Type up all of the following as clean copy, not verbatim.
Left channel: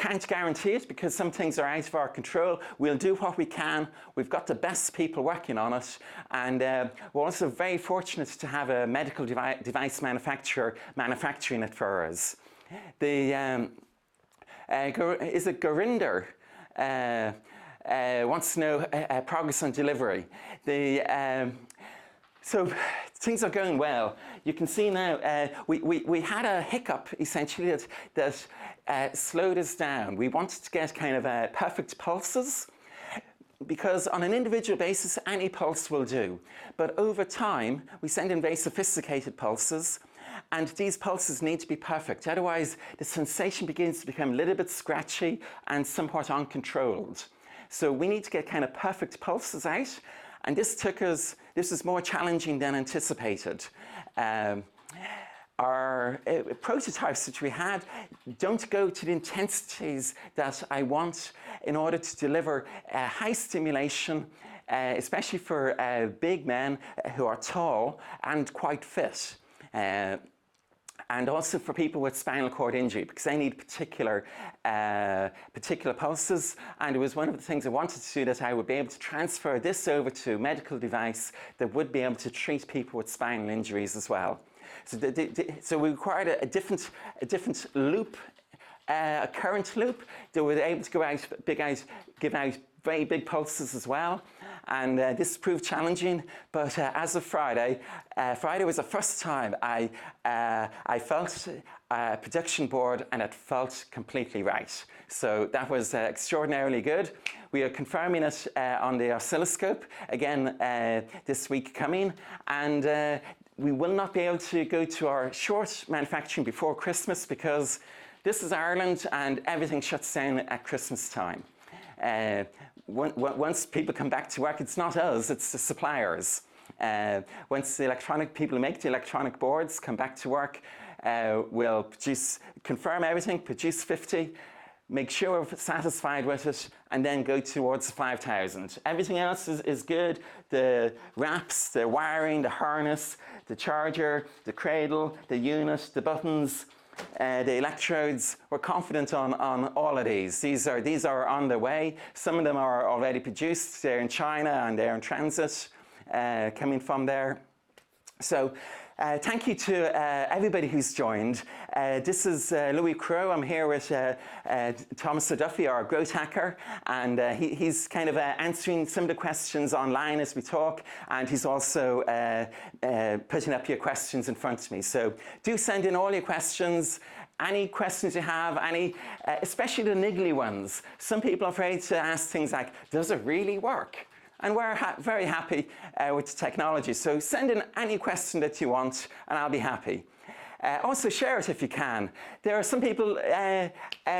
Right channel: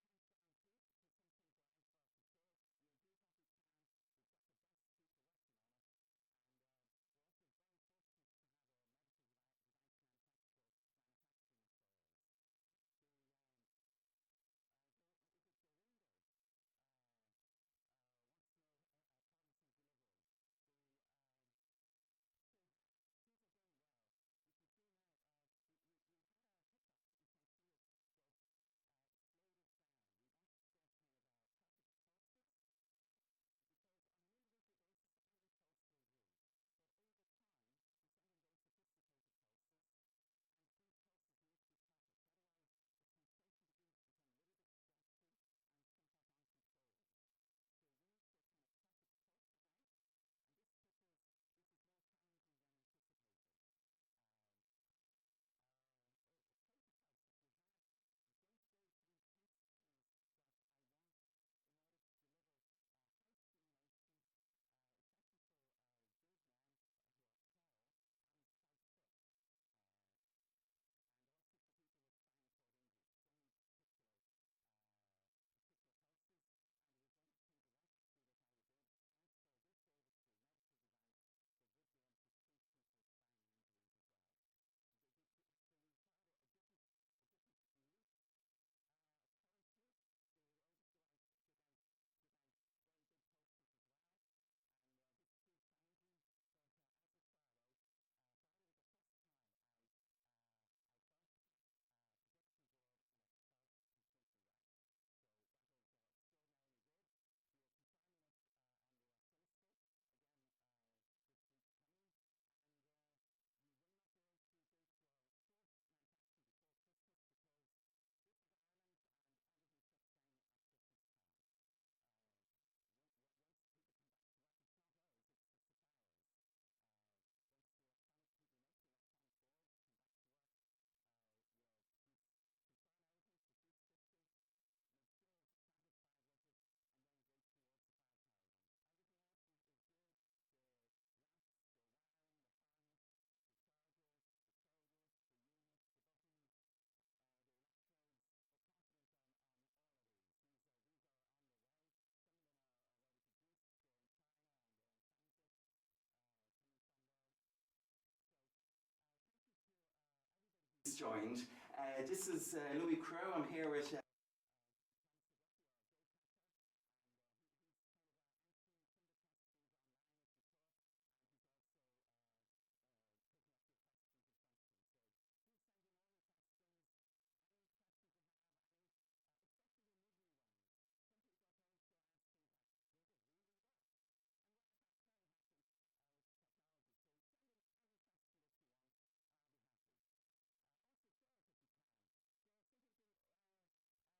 can't guarantee it because some things are out of our control. We'll do what we can. We've got the best people working on it, and we're also very fortunate to have a medical device manufacturer manufacturing it for us. Is it Gurinder? Wants to know progress on delivery. So things are going well. You can see now we had a hiccup essentially that slowed us down. We wanted to get kind of perfect pulses, because on an individual basis any pulse will do. But over time we send in very sophisticated pulses, and these pulses need to be perfect. Otherwise the sensation begins to become a little bit scratchy and somewhat uncontrolled. So we need to get kind of perfect pulses out, and this is more challenging than anticipated. Our prototypes that we had don't go to the intensities that I want in order to deliver high stimulation, especially for big men who are tall and quite fit. And also for people with spinal cord injury, because they need particular pulses. And it was one of the things I wanted to do, that I would be able to transfer this over to a medical device that would be able to treat people with spinal injuries as well. So we required a different loop, a current loop that was able to give out very big pulses as well, and this proved challenging. But as of Friday was the first time I felt a production board and it felt completely right. So that was extraordinarily good. We are confirming it on the oscilloscope again this week coming, and we will not be able to go to our short manufacturing before Christmas, because this is Ireland and everything shuts down at Christmas time. Once people come back to work, it's not us, it's the suppliers. Once the electronic people who make the electronic boards come back to work, we'll confirm everything, produce 50, make sure we're satisfied with it, and then go towards 5,000. Everything else is good. The wraps, the wiring, the harness, the charger, the cradle, the unit, the buttons, the electrodes. We're confident on all of these. These are on the way. Some of them are already produced. They're in China and they're in transit, coming from there. So thank you to everybody who's joined. This is Louis Crow. I'm here with Thomas O'Duffy, our growth hacker, and he's kind of answering some of the questions online as we talk, and he's also putting up your questions in front of me. So do send in all your questions. Any questions you have, especially the niggly ones. Some people are afraid to ask things like, does it really work? And we're very happy with the technology. So send in any question that you want and I'll be happy. Also share it if you can. There are some people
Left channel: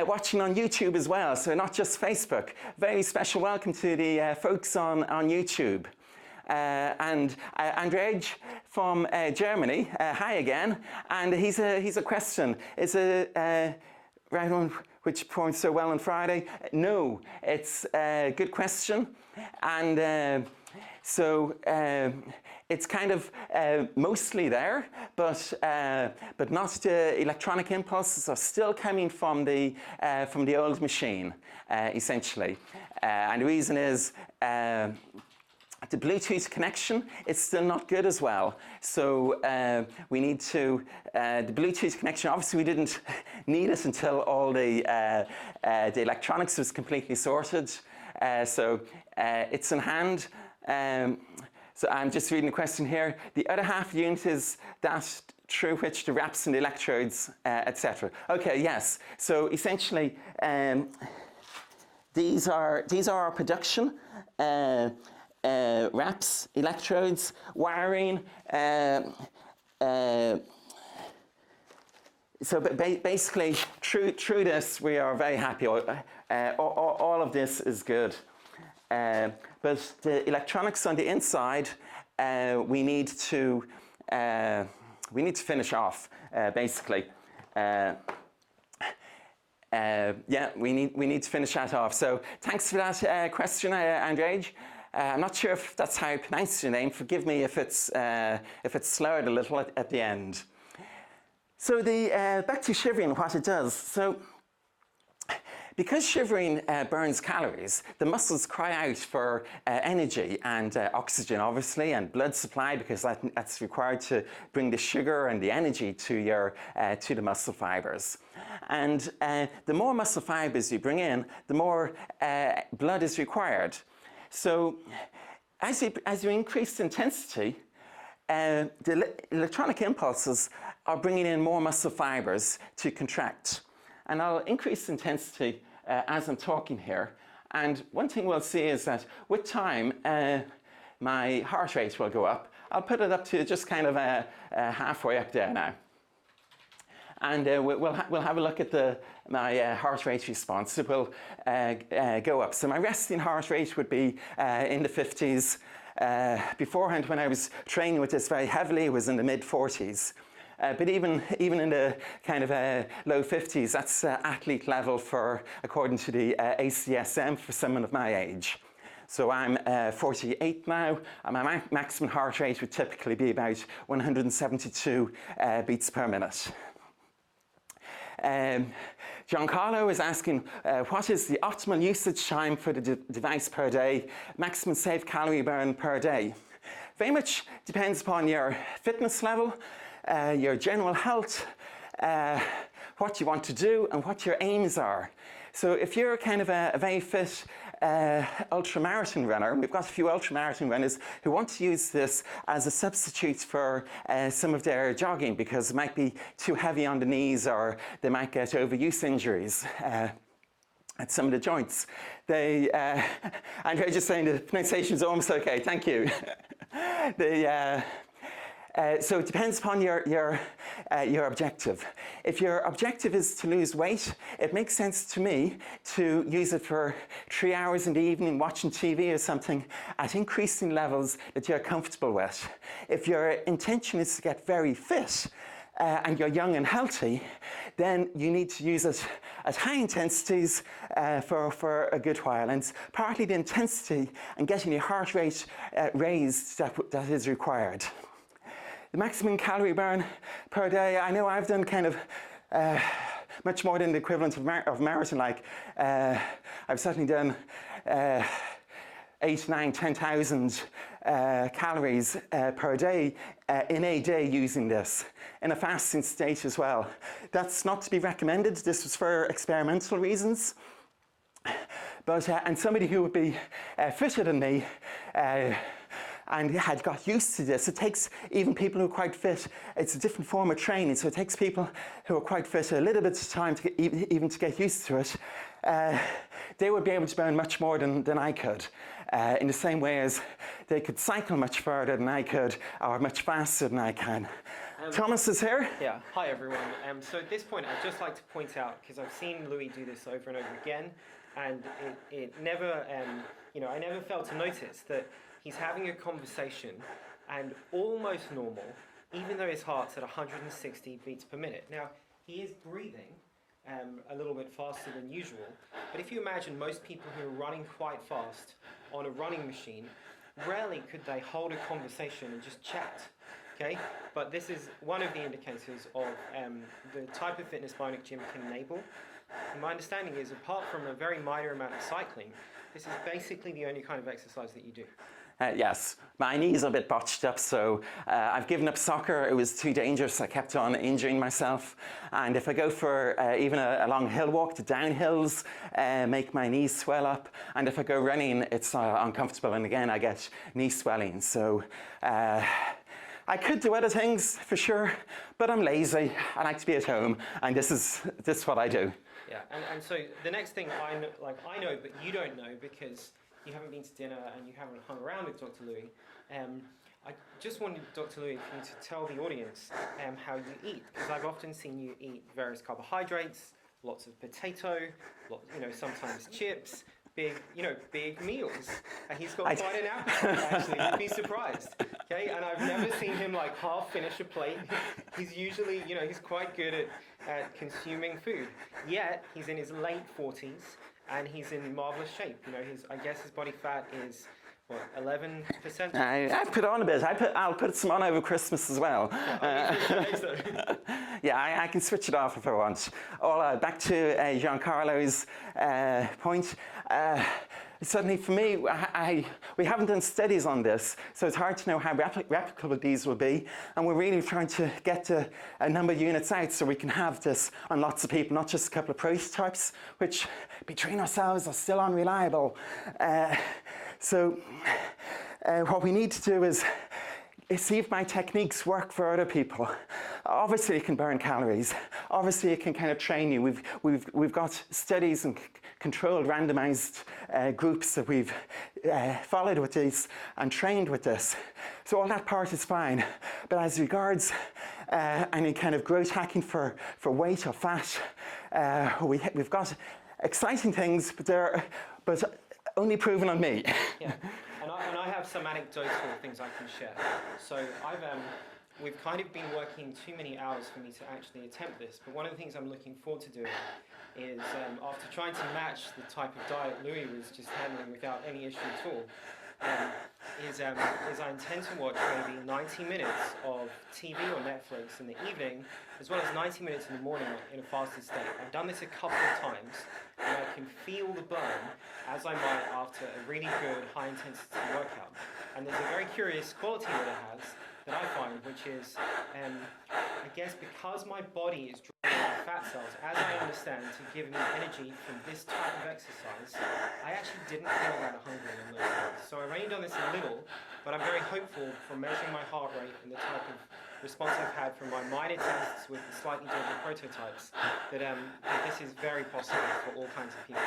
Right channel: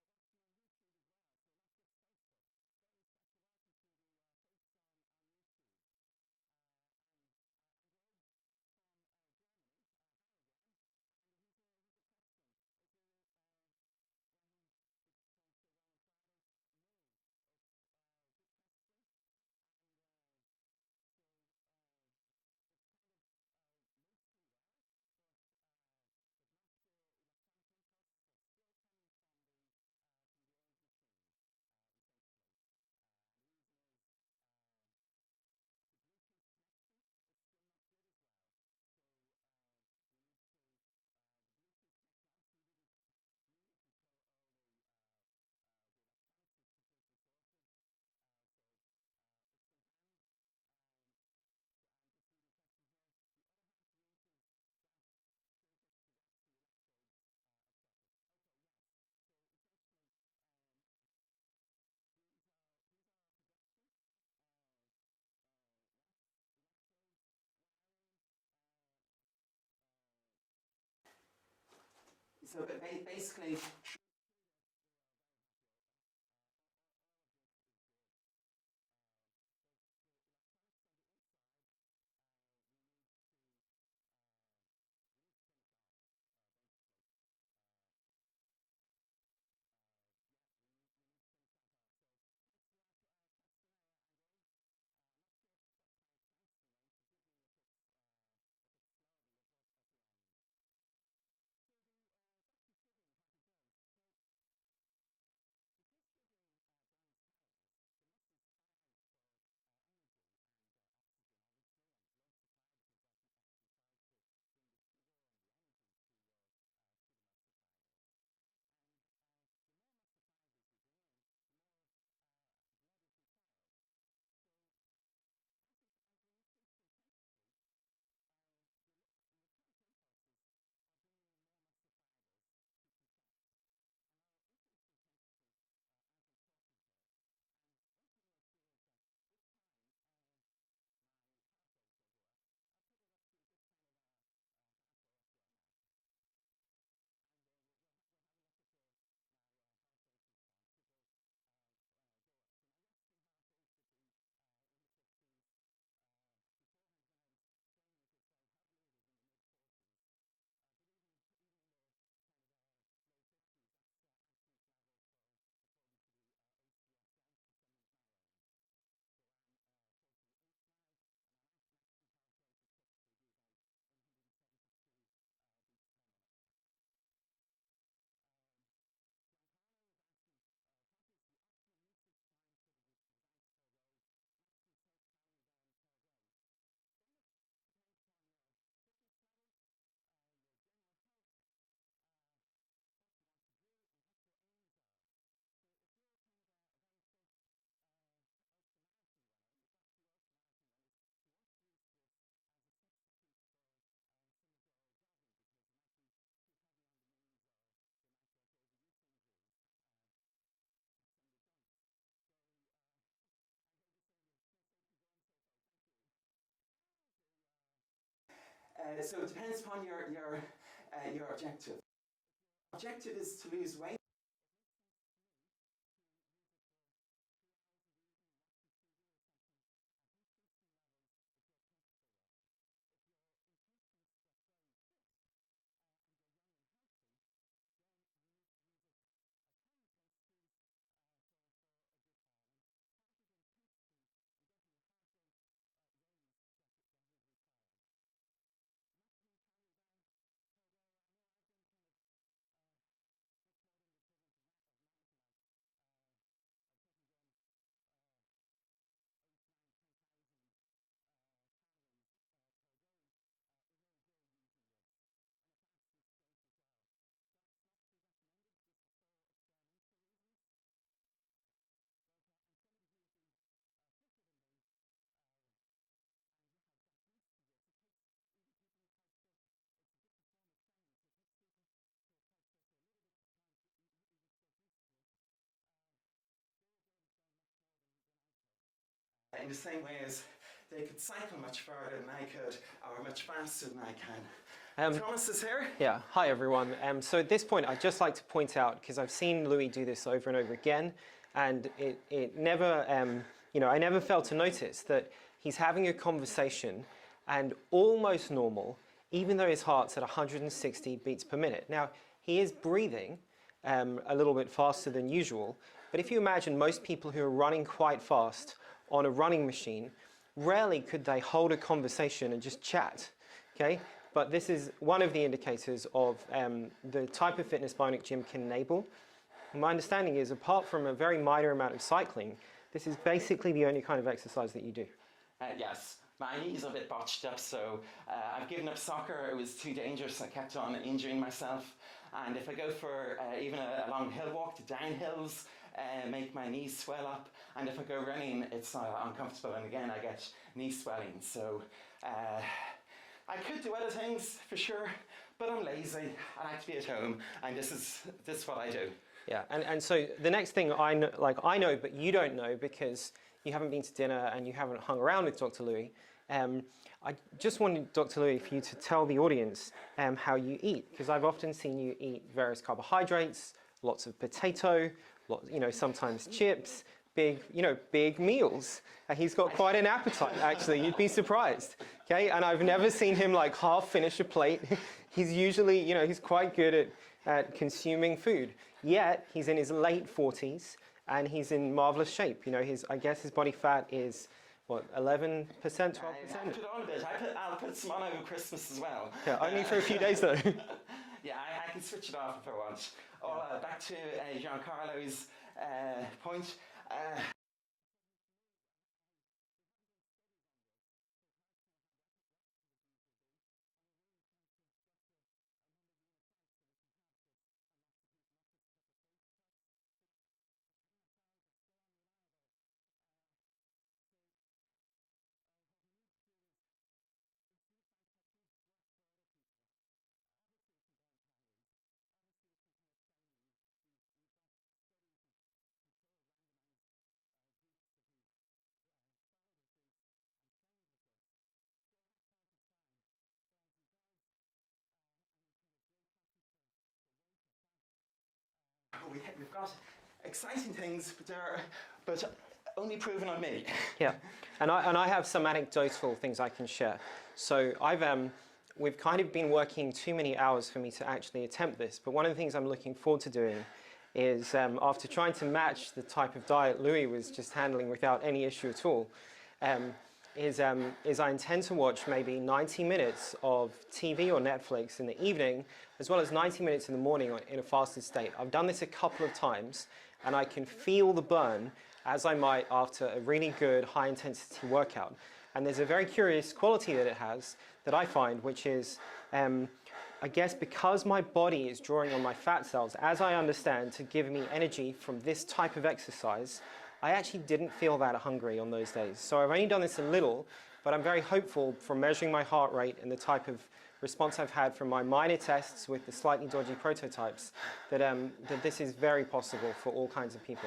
watching on YouTube as well, so not just Facebook. Very special welcome to the folks on YouTube. And Andrej from Germany, hi again. And he's a question. Is a right on which performed so well on Friday? No, it's a good question. And so it's kind of mostly there, but not the electronic impulses are still coming from the old machine, essentially. And the reason is the Bluetooth connection is still not good as well. So we need to, the Bluetooth connection, obviously we didn't need it until all the electronics was completely sorted. So it's in hand. So I'm just reading the question here. The other half of the unit is that through which the wraps and the electrodes, etc. Okay, yes. So essentially, these are our production. Wraps, electrodes, wiring. So basically, through this, we are very happy. All of this is good. But the electronics on the inside, we need to finish off, basically. Yeah, we need to finish that off. So thanks for that question, Andrej. I'm not sure if that's how I pronounce your name. Forgive me if it's slurred a little at the end. So the back to shivering, what it does. So Because shivering burns calories, the muscles cry out for energy and oxygen, obviously, and blood supply, because that's required to bring the sugar and the energy to the muscle fibers. And the more muscle fibers you bring in, the more blood is required. So as you increase intensity, the electronic impulses are bringing in more muscle fibers to contract. And I'll increase intensity as I'm talking here. And one thing we'll see is that with time, my heart rate will go up. I'll put it up to just kind of halfway up there now. And we'll have a look at my heart rate response. It will go up. So my resting heart rate would be in the 50s. Beforehand, when I was training with this very heavily, it was in the mid-40s. But even in the kind of low 50s, that's athlete level according to the ACSM for someone of my age. So I'm 48 now, and my maximum heart rate would typically be about 172 beats per minute. Giancarlo is asking, what is the optimal usage time for the device per day, maximum safe calorie burn per day? Very much depends upon your fitness level, your general health, what you want to do, and what your aims are. So if you're kind of a very fit ultramarathon runner, we've got a few ultramarathon runners who want to use this as a substitute for some of their jogging because it might be too heavy on the knees, or they might get overuse injuries at some of the joints. Andrea just saying the pronunciation is almost okay, thank you. So it depends upon your objective. If your objective is to lose weight, it makes sense to me to use it for 3 hours in the evening watching TV or something at increasing levels that you're comfortable with. If your intention is to get very fit and you're young and healthy, then you need to use it at high intensities for a good while. And it's partly the intensity and getting your heart rate raised that is required. The maximum calorie burn per day, I know I've done kind of much more than the equivalent of marathon. Like I've certainly done 8, 9, 10,000 calories per day in a day using this, in a fasting state as well. That's not to be recommended. This was for experimental reasons. But, and somebody who would be fitter than me and had got used to this. It takes even people who are quite fit, it's a different form of training, so it takes people who are quite fit a little bit of time to even to get used to it. They would be able to burn much more than I could, in the same way as they could cycle much further than I could, or much faster than I can. Thomas is here. Yeah, hi everyone. So at this point, I'd just like to point out, because I've seen Louis do this over and over again, and it never, I never failed to notice that he's having a conversation and almost normal, even though his heart's at 160 beats per minute. Now, he is breathing a little bit faster than usual, but if you imagine most people who are running quite fast on a running machine, rarely could they hold a conversation and just chat, okay? But this is one of the indicators of the type of fitness Bionic Gym can enable. My understanding is, apart from a very minor amount of cycling, this is basically the only kind of exercise that you do. Yes, my knees are a bit botched up, so I've given up soccer. It was too dangerous. I kept on injuring myself. And if I go for even a long hill walk, the downhills make my knees swell up. And if I go running, it's uncomfortable. And again, I get knee swelling. So I could do other things for sure, but I'm lazy. I like to be at home, and this is what I do. Yeah, and so the next thing I know, but you don't know because you haven't been to dinner and you haven't hung around with Dr. Louis. I just wanted, Dr. Louis, for you to tell the audience how you eat, because I've often seen you eat various carbohydrates, lots of potato, sometimes chips, big meals. And he's got quite an appetite, actually. You'd be surprised. Okay, and I've never seen him half finish a plate. He's usually, he's quite good at consuming food. Yet he's in his late 40s. And he's in marvelous shape. I guess his body fat is what, 11%? I put on a bit. I'll put some on over Christmas as well. Yeah, only for a few days though. Yeah, I can switch it off if I want. Back to Giancarlo's point. Certainly for me, we haven't done studies on this, so it's hard to know how replicable these will be. And we're really trying to get to a number of units out so we can have this on lots of people, not just a couple of prototypes, which between ourselves are still unreliable. So what we need to do is see if my techniques work for other people. Obviously it can burn calories. Obviously it can kind of train you. We've got studies and controlled randomized groups that we've followed with these and trained with this. So all that part is fine. But as regards any kind of growth hacking for weight or fat, we've got exciting things, but only proven on me. Yeah, and I have some anecdotal things I can share. So we've kind of been working too many hours for me to actually attempt this, but one of the things I'm looking forward to doing is after trying to match the type of diet Louis was just handling without any issue at all, is I intend to watch maybe 90 minutes of TV or Netflix in the evening, as well as 90 minutes in the morning in a fasted state. I've done this a couple of times, and I can feel the burn as I might after a really good high-intensity workout. And there's a very curious quality that it has that I find, which is, I guess because my body is drawing on my fat cells, as I understand, to give me energy from this type of exercise, I actually didn't feel that hungry on those days. So I've only done this a little, but I'm very hopeful from measuring my heart rate and the type of response I've had from my minor tests with the slightly dodgy prototypes, that this is very possible for all kinds of people.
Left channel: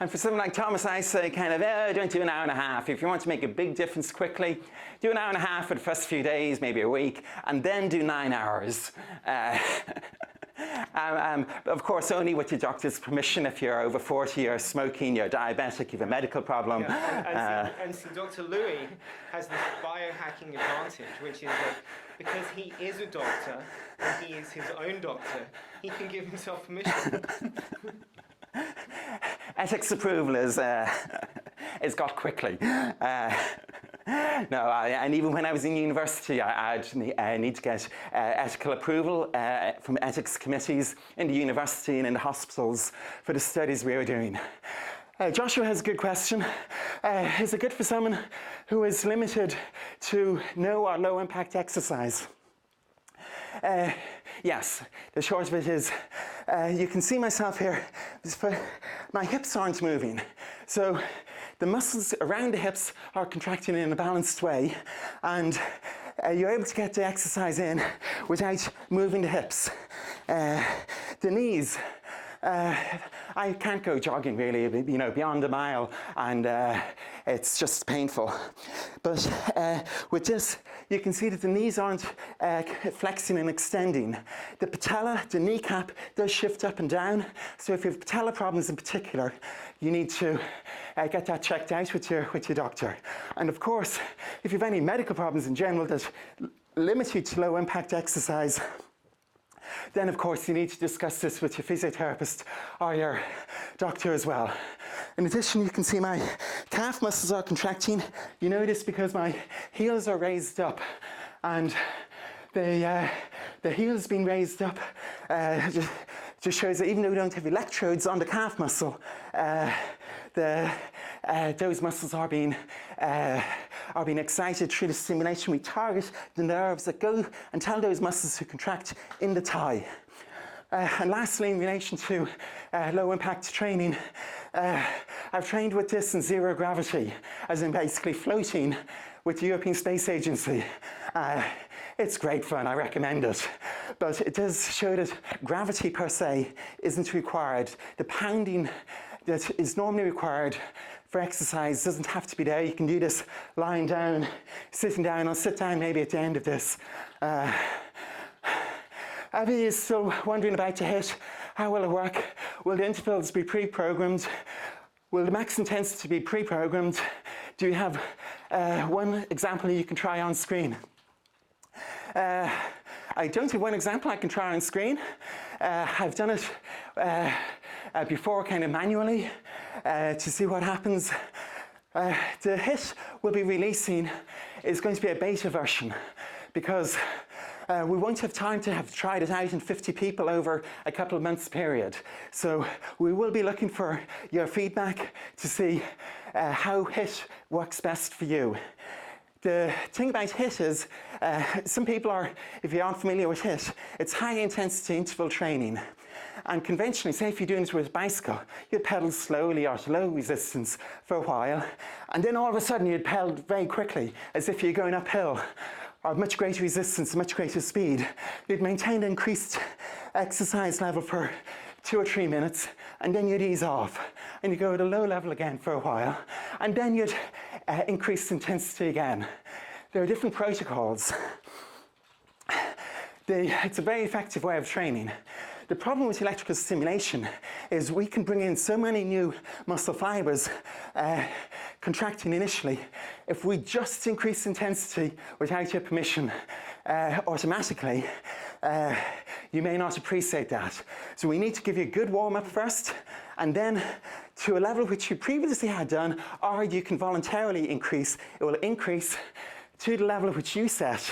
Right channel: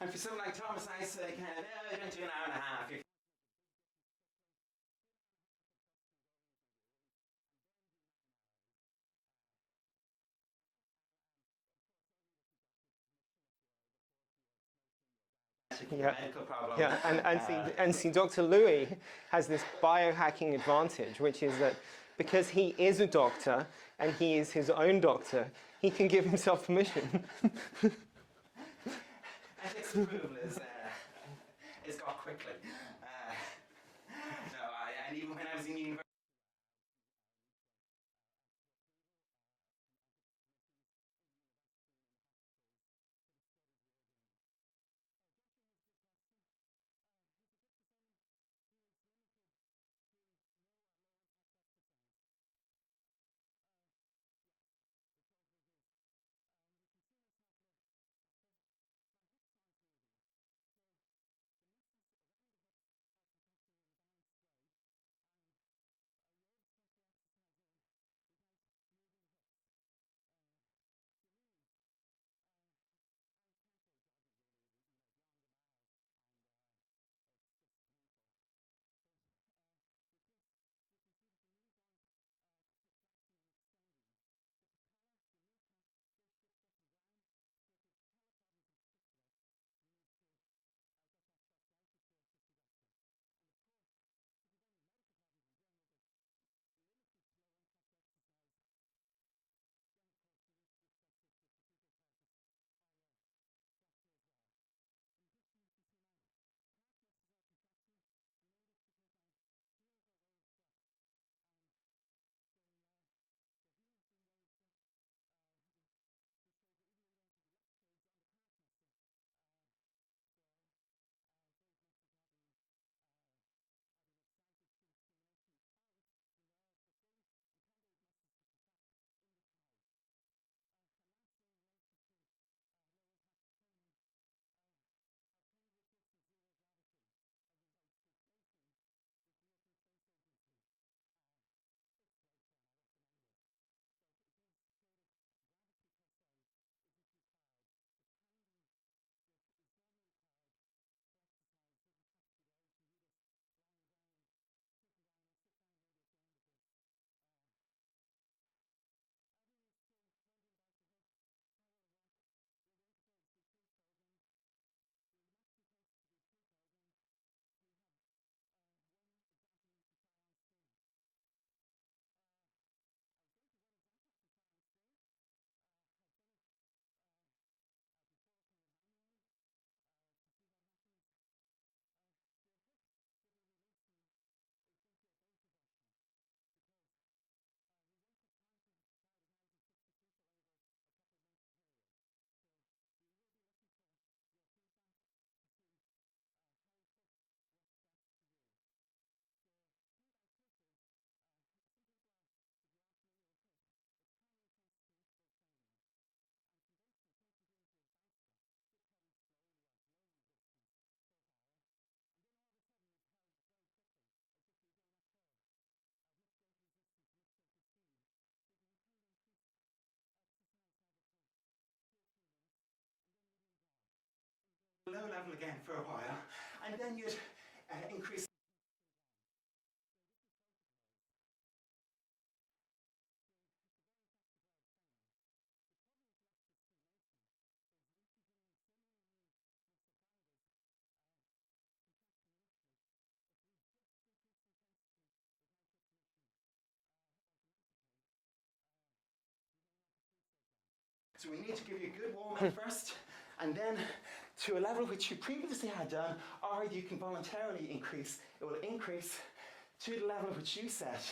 And for someone like Thomas, I say kind of, don't do an hour and a half. If you want to make a big difference quickly, do an hour and a half for the first few days, maybe a week, and then do 9 hours. Of course, only with your doctor's permission. If you're over 40, you're smoking, you're diabetic, you have a medical problem. Yeah. And see, Dr. Louis has this biohacking advantage, which is that because he is a doctor and he is his own doctor, he can give himself permission. Ethics approval is got quickly. And even when I was in university, I need to get ethical approval from ethics committees in the university and in the hospitals for the studies we were doing. Joshua has a good question. Is it good for someone who is limited to no or low impact exercise? Yes, the short of it is, you can see myself here, my hips aren't moving. So the muscles around the hips are contracting in a balanced way, and you're able to get the exercise in without moving the hips. The knees, I can't go jogging really, beyond a mile, and it's just painful. But with this, you can see that the knees aren't flexing and extending. The patella, the kneecap, does shift up and down. So if you have patella problems in particular, you need to get that checked out with your doctor. And of course, if you have any medical problems in general that limit you to low impact exercise, then of course you need to discuss this with your physiotherapist or your doctor as well. In addition, you can see my calf muscles are contracting. You know this because my heels are raised up, and the heels being raised up just shows that even though we don't have electrodes on the calf muscle, those muscles are being excited through the stimulation. We target the nerves that go and tell those muscles to contract in the thigh. And lastly, in relation to low impact training, I've trained with this in zero gravity, as in basically floating with the European Space Agency. It's great fun, I recommend it. But it does show that gravity per se isn't required. The pounding that is normally required for exercise doesn't have to be there. You can do this lying down, sitting down. I'll sit down maybe at the end of this. Abby is still wondering about the HIIT. How will it work? Will the intervals be pre-programmed? Will the max intensity be pre-programmed? Do you have one example you can try on screen? I don't have one example I can try on screen. I've done it before kind of manually to see what happens. The HIIT we'll be releasing is going to be a beta version because we won't have time to have tried it out in 50 people over a couple of months period. So we will be looking for your feedback to see how HIIT works best for you. The thing about HIIT is, some people are, if you aren't familiar with HIIT, it's high intensity interval training. And conventionally, say if you're doing it with a bicycle, you'd pedal slowly or at low resistance for a while, and then all of a sudden you'd pedal very quickly, as if you're going uphill, or much greater resistance, much greater speed. You'd maintain an increased exercise level for 2 or 3 minutes, and then you'd ease off, and you go at a low level again for a while, and then you'd increase intensity again. There are different protocols. It's a very effective way of training. The problem with electrical stimulation is we can bring in so many new muscle fibers contracting initially. If we just increase intensity without your permission automatically, you may not appreciate that. So we need to give you a good warm-up first, and then to a level which you previously had done, or you can voluntarily increase. It will increase to the level which you set,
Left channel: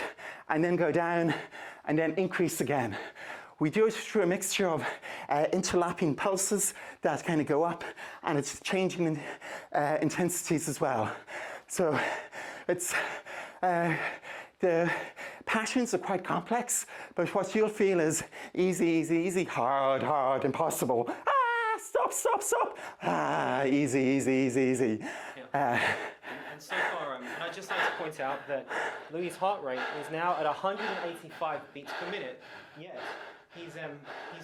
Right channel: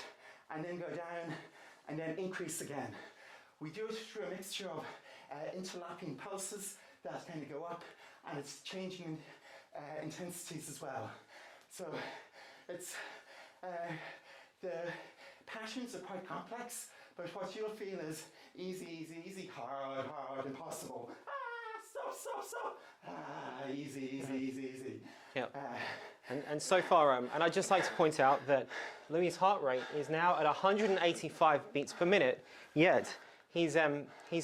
and then go down, and then increase again. We do it through a mixture of interlapping pulses that kind of go up, and it's changing in, intensities as well. So it's, the patterns are quite complex, but what you'll feel is easy, easy, easy, hard, hard, impossible. Stop, stop, stop. Easy, easy, easy, easy. Yeah. And so far, and I'd just like to point out that Louis' heart rate is now at 185 beats per minute, yet he's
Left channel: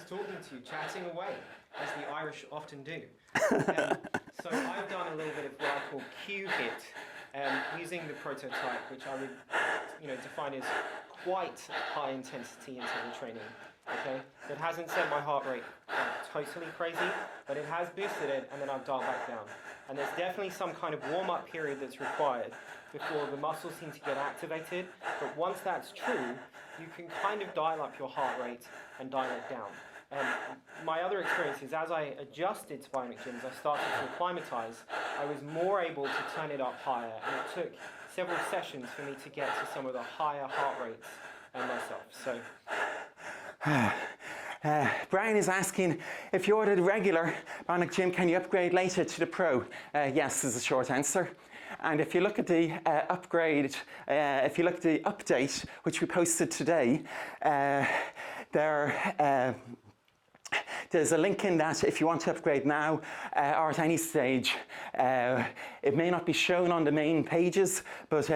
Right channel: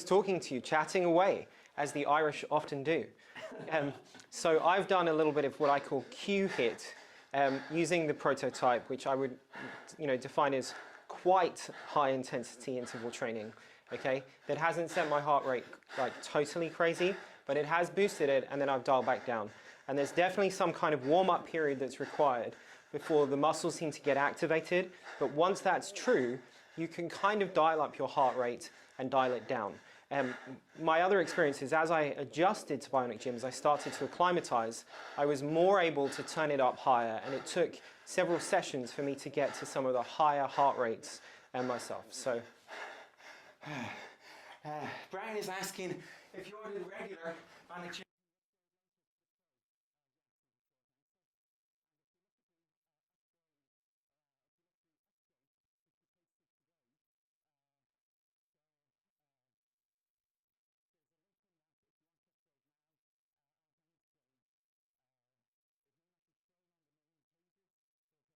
talking to you, chatting away, as the Irish often do. So I've done a little bit of what I call Q-HIIT, using the prototype, which I would define as quite high intensity interval training. Okay, that hasn't set my heart rate like totally crazy, but it has boosted it, and then I've dialed back down. And there's definitely some kind of warm-up period that's required before the muscles seem to get activated. But once that's true, you can kind of dial up your heart rate and dial it down. And my other experience is, as I adjusted to Bionic Gym, as I started to acclimatize, I was more able to turn it up higher, and it took several sessions for me to get to some of the higher heart rates myself. So. Brian is asking, if you ordered a regular Bionic Gym, can you upgrade later to the Pro? Yes is the short answer. And if you look at the upgrade, if you look at the update, which we posted today, there's a link in that if you want to upgrade now or at any stage. It may not be shown on the main pages, but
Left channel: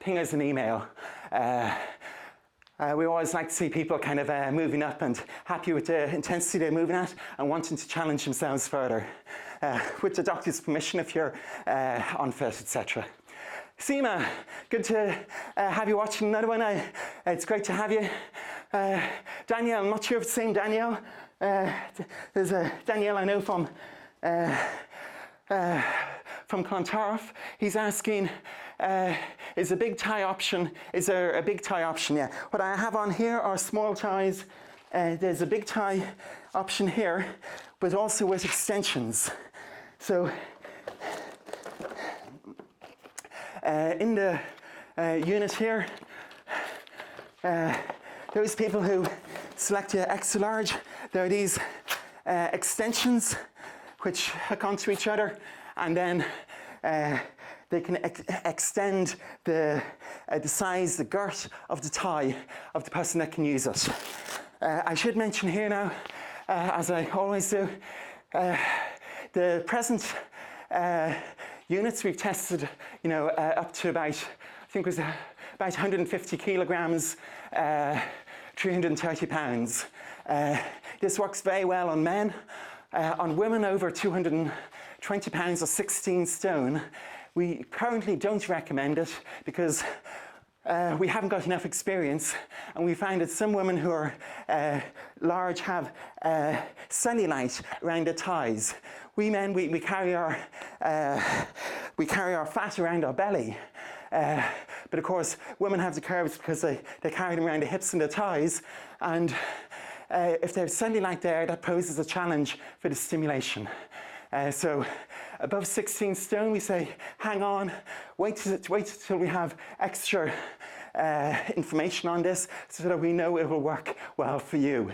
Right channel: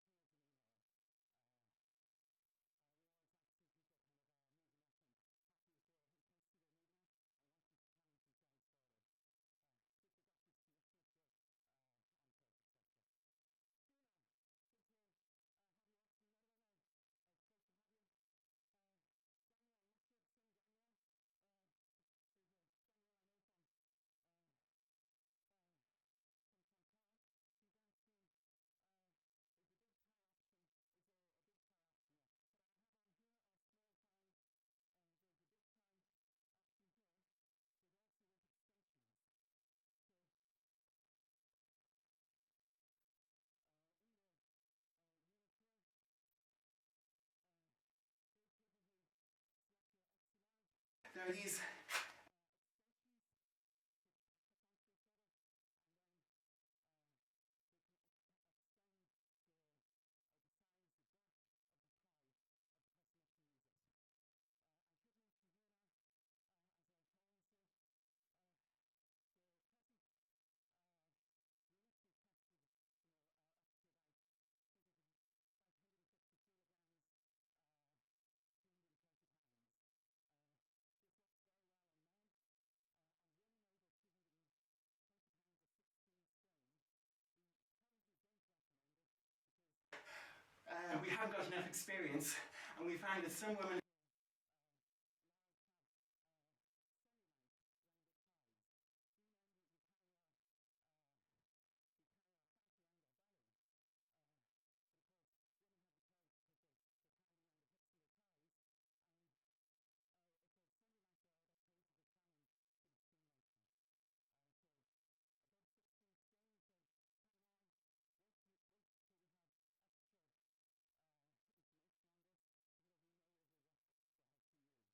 ping us an email. We always like to see people kind of moving up and happy with the intensity they're moving at and wanting to challenge themselves further. With the doctor's permission if you're unfit, etc. Seema, good to have you watching another one. It's great to have you. Danielle, I'm not sure if it's the same Danielle. There's a Danielle I know from Clontarf. He's asking, is a big tie option? Is there a big tie option? Yeah. What I have on here are small ties. There's a big tie option here, but also with extensions. So in the unit here, those people who select the extra large, there are these extensions which hook onto each other, and then they can extend the size, the girth of the thigh of the person that can use it. I should mention here now, as I always do, the present units we've tested, up to about, I think it was about 150 kilograms, 330 pounds. This works very well on men. On women over 220 pounds or 16 stone, we currently don't recommend it because we haven't got enough experience, and we find that some women who are large have cellulite around their thighs. We men, we carry our fat around our belly, but of course women have the curves because they carry them around the hips and the thighs, and if there's cellulite there, that poses a challenge for the stimulation. So above 16 stone, we say, hang on, wait till we have extra information on this so that we know it will work well for you.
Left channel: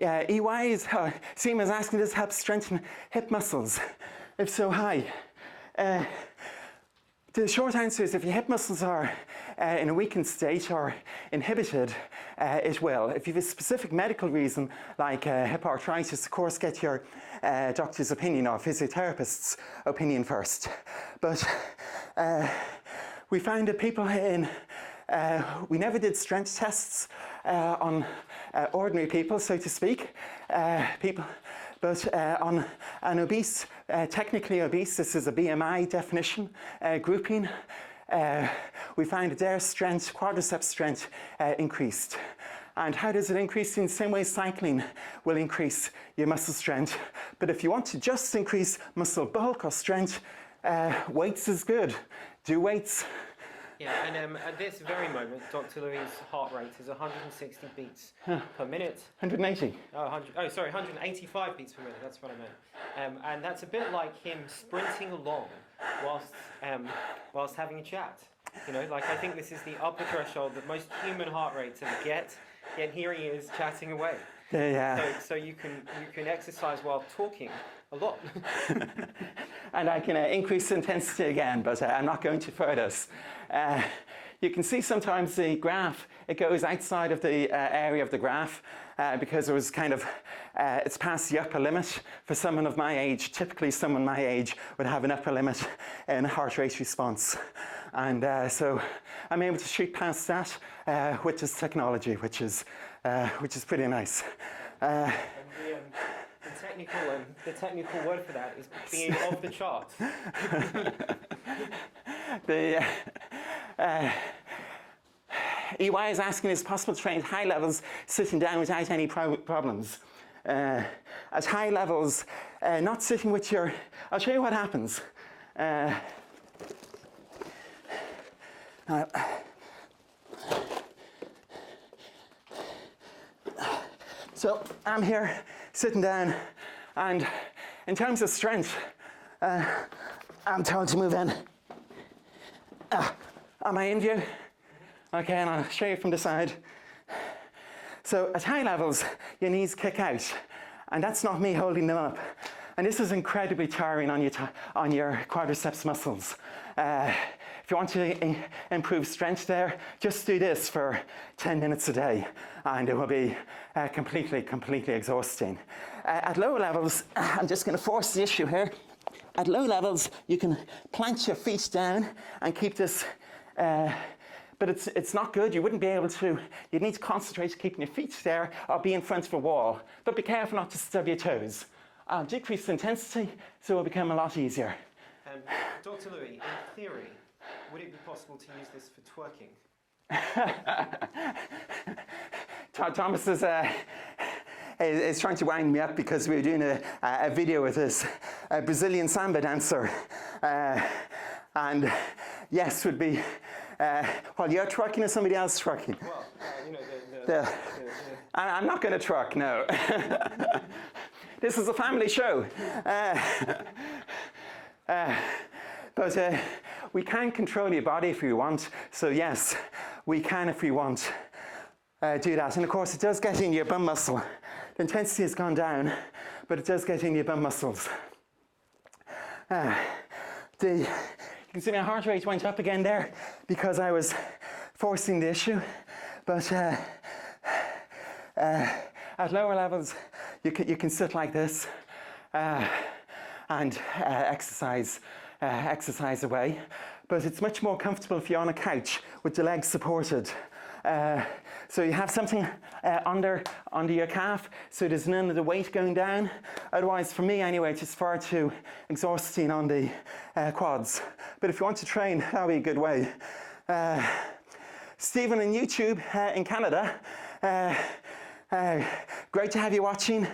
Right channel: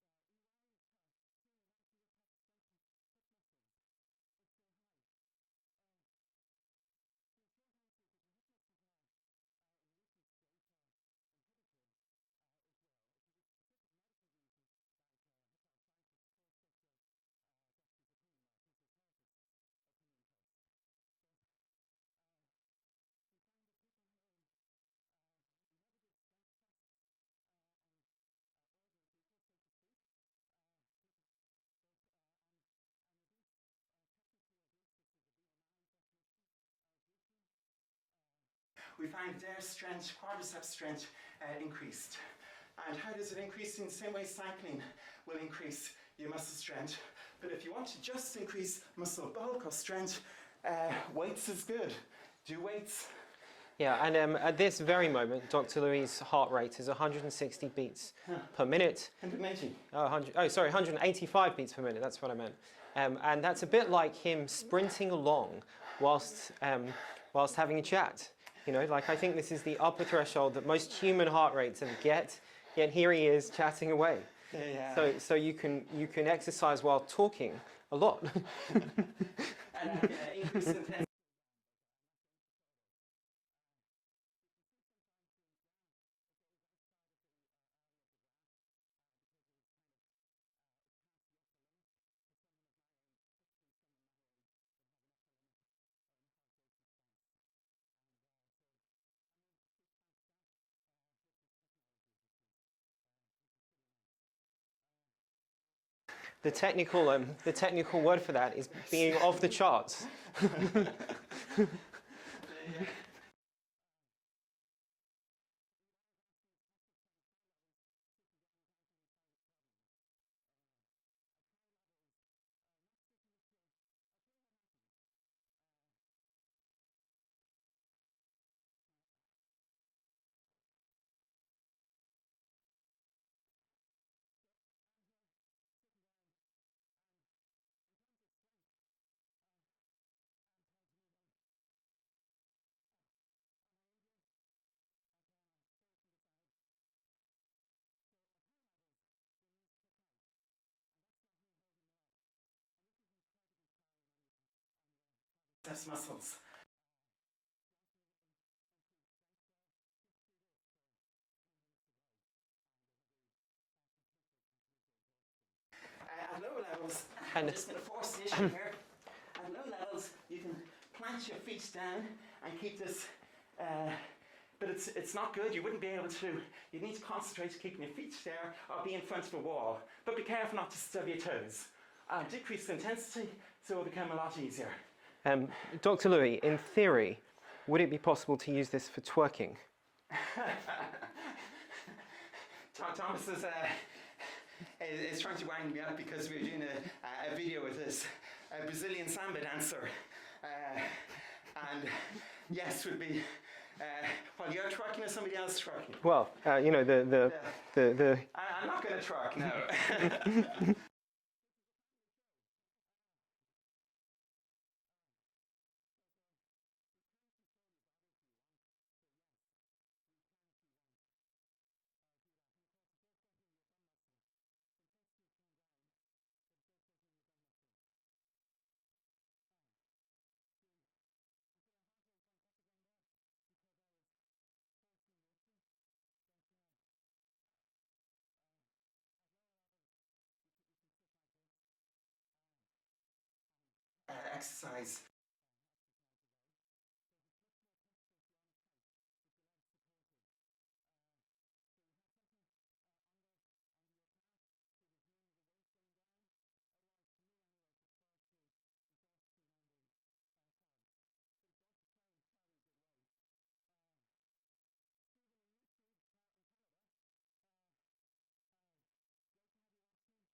EY is, Seema is asking, does help strengthen hip muscles? If so, hi. The short answer is if your hip muscles are in a weakened state or inhibited, it will. If you have a specific medical reason like hip arthritis, of course get your doctor's opinion or physiotherapist's opinion first. But we found that people we never did strength tests on ordinary people, so to speak, but on an obese, technically obese, this is a BMI definition grouping, we find that their strength, quadriceps strength, increased. And how does it increase? In the same way cycling will increase your muscle strength. But if you want to just increase muscle bulk or strength, weights is good. Do weights. Yeah, and at this very moment, Dr. Louis' heart rate is 160 beats per minute. 180. Oh, sorry, 185 beats per minute, that's what I meant. And that's a bit like him sprinting along whilst having a chat. You know, like I think this is the upper threshold that most human heart rates ever get, and here he is chatting away. Yeah. So you can exercise while talking a lot. And I can increase intensity again, but I'm not going to further this. You can see sometimes the graph, it goes outside of the area of the graph because it was kind of, it's past the upper limit. For someone of my age, typically someone my age would have an upper limit in heart rate response. And so I'm able to shoot past that with this technology, which is pretty nice. The technical word for that is being off the charts. EY is asking, is it possible to train at high levels sitting down without any problems? At high levels, not sitting with your... I'll show you what happens. So I'm here sitting down, and in terms of strength, I'm told to move in. Am I in view? Okay, and I'll show you from the side. So at high levels, your knees kick out, and that's not me holding them up. And this is incredibly tiring on your quadriceps muscles. If you want to improve strength there, just do this for 10 minutes a day, and it will be completely exhausting. At lower levels, I'm just going to force the issue here. At low levels, you can plant your feet down and keep this, but it's not good. You wouldn't be able to, you'd need to concentrate on keeping your feet there or be in front of a wall. But be careful not to stub your toes. Decrease the intensity, so it will become a lot easier. Dr. Louis, in theory, would it be possible to use this for twerking? Thomas is trying to wind me up because we were doing a video with this Brazilian samba dancer. And yes, would be, while you're twerking or somebody else twerking? Well, you know, I'm not going to twerk, no. This is a family show. But we can control your body if we want. So yes, we can if we want do that. And of course, it does get in your bum muscle. The intensity has gone down, but it does get in your bum muscles. You can see my heart rate went up again there because I was forcing the issue. But at lower levels, you can sit like this and exercise away. But it's much more comfortable if you're on a couch with the legs supported. So you have something under your calf, so there's none of the weight going down. Otherwise, for me anyway, it's just far too exhausting on the quads. But if you want to train, that'll be a good way. Stephen on YouTube in Canada, great to have you watching.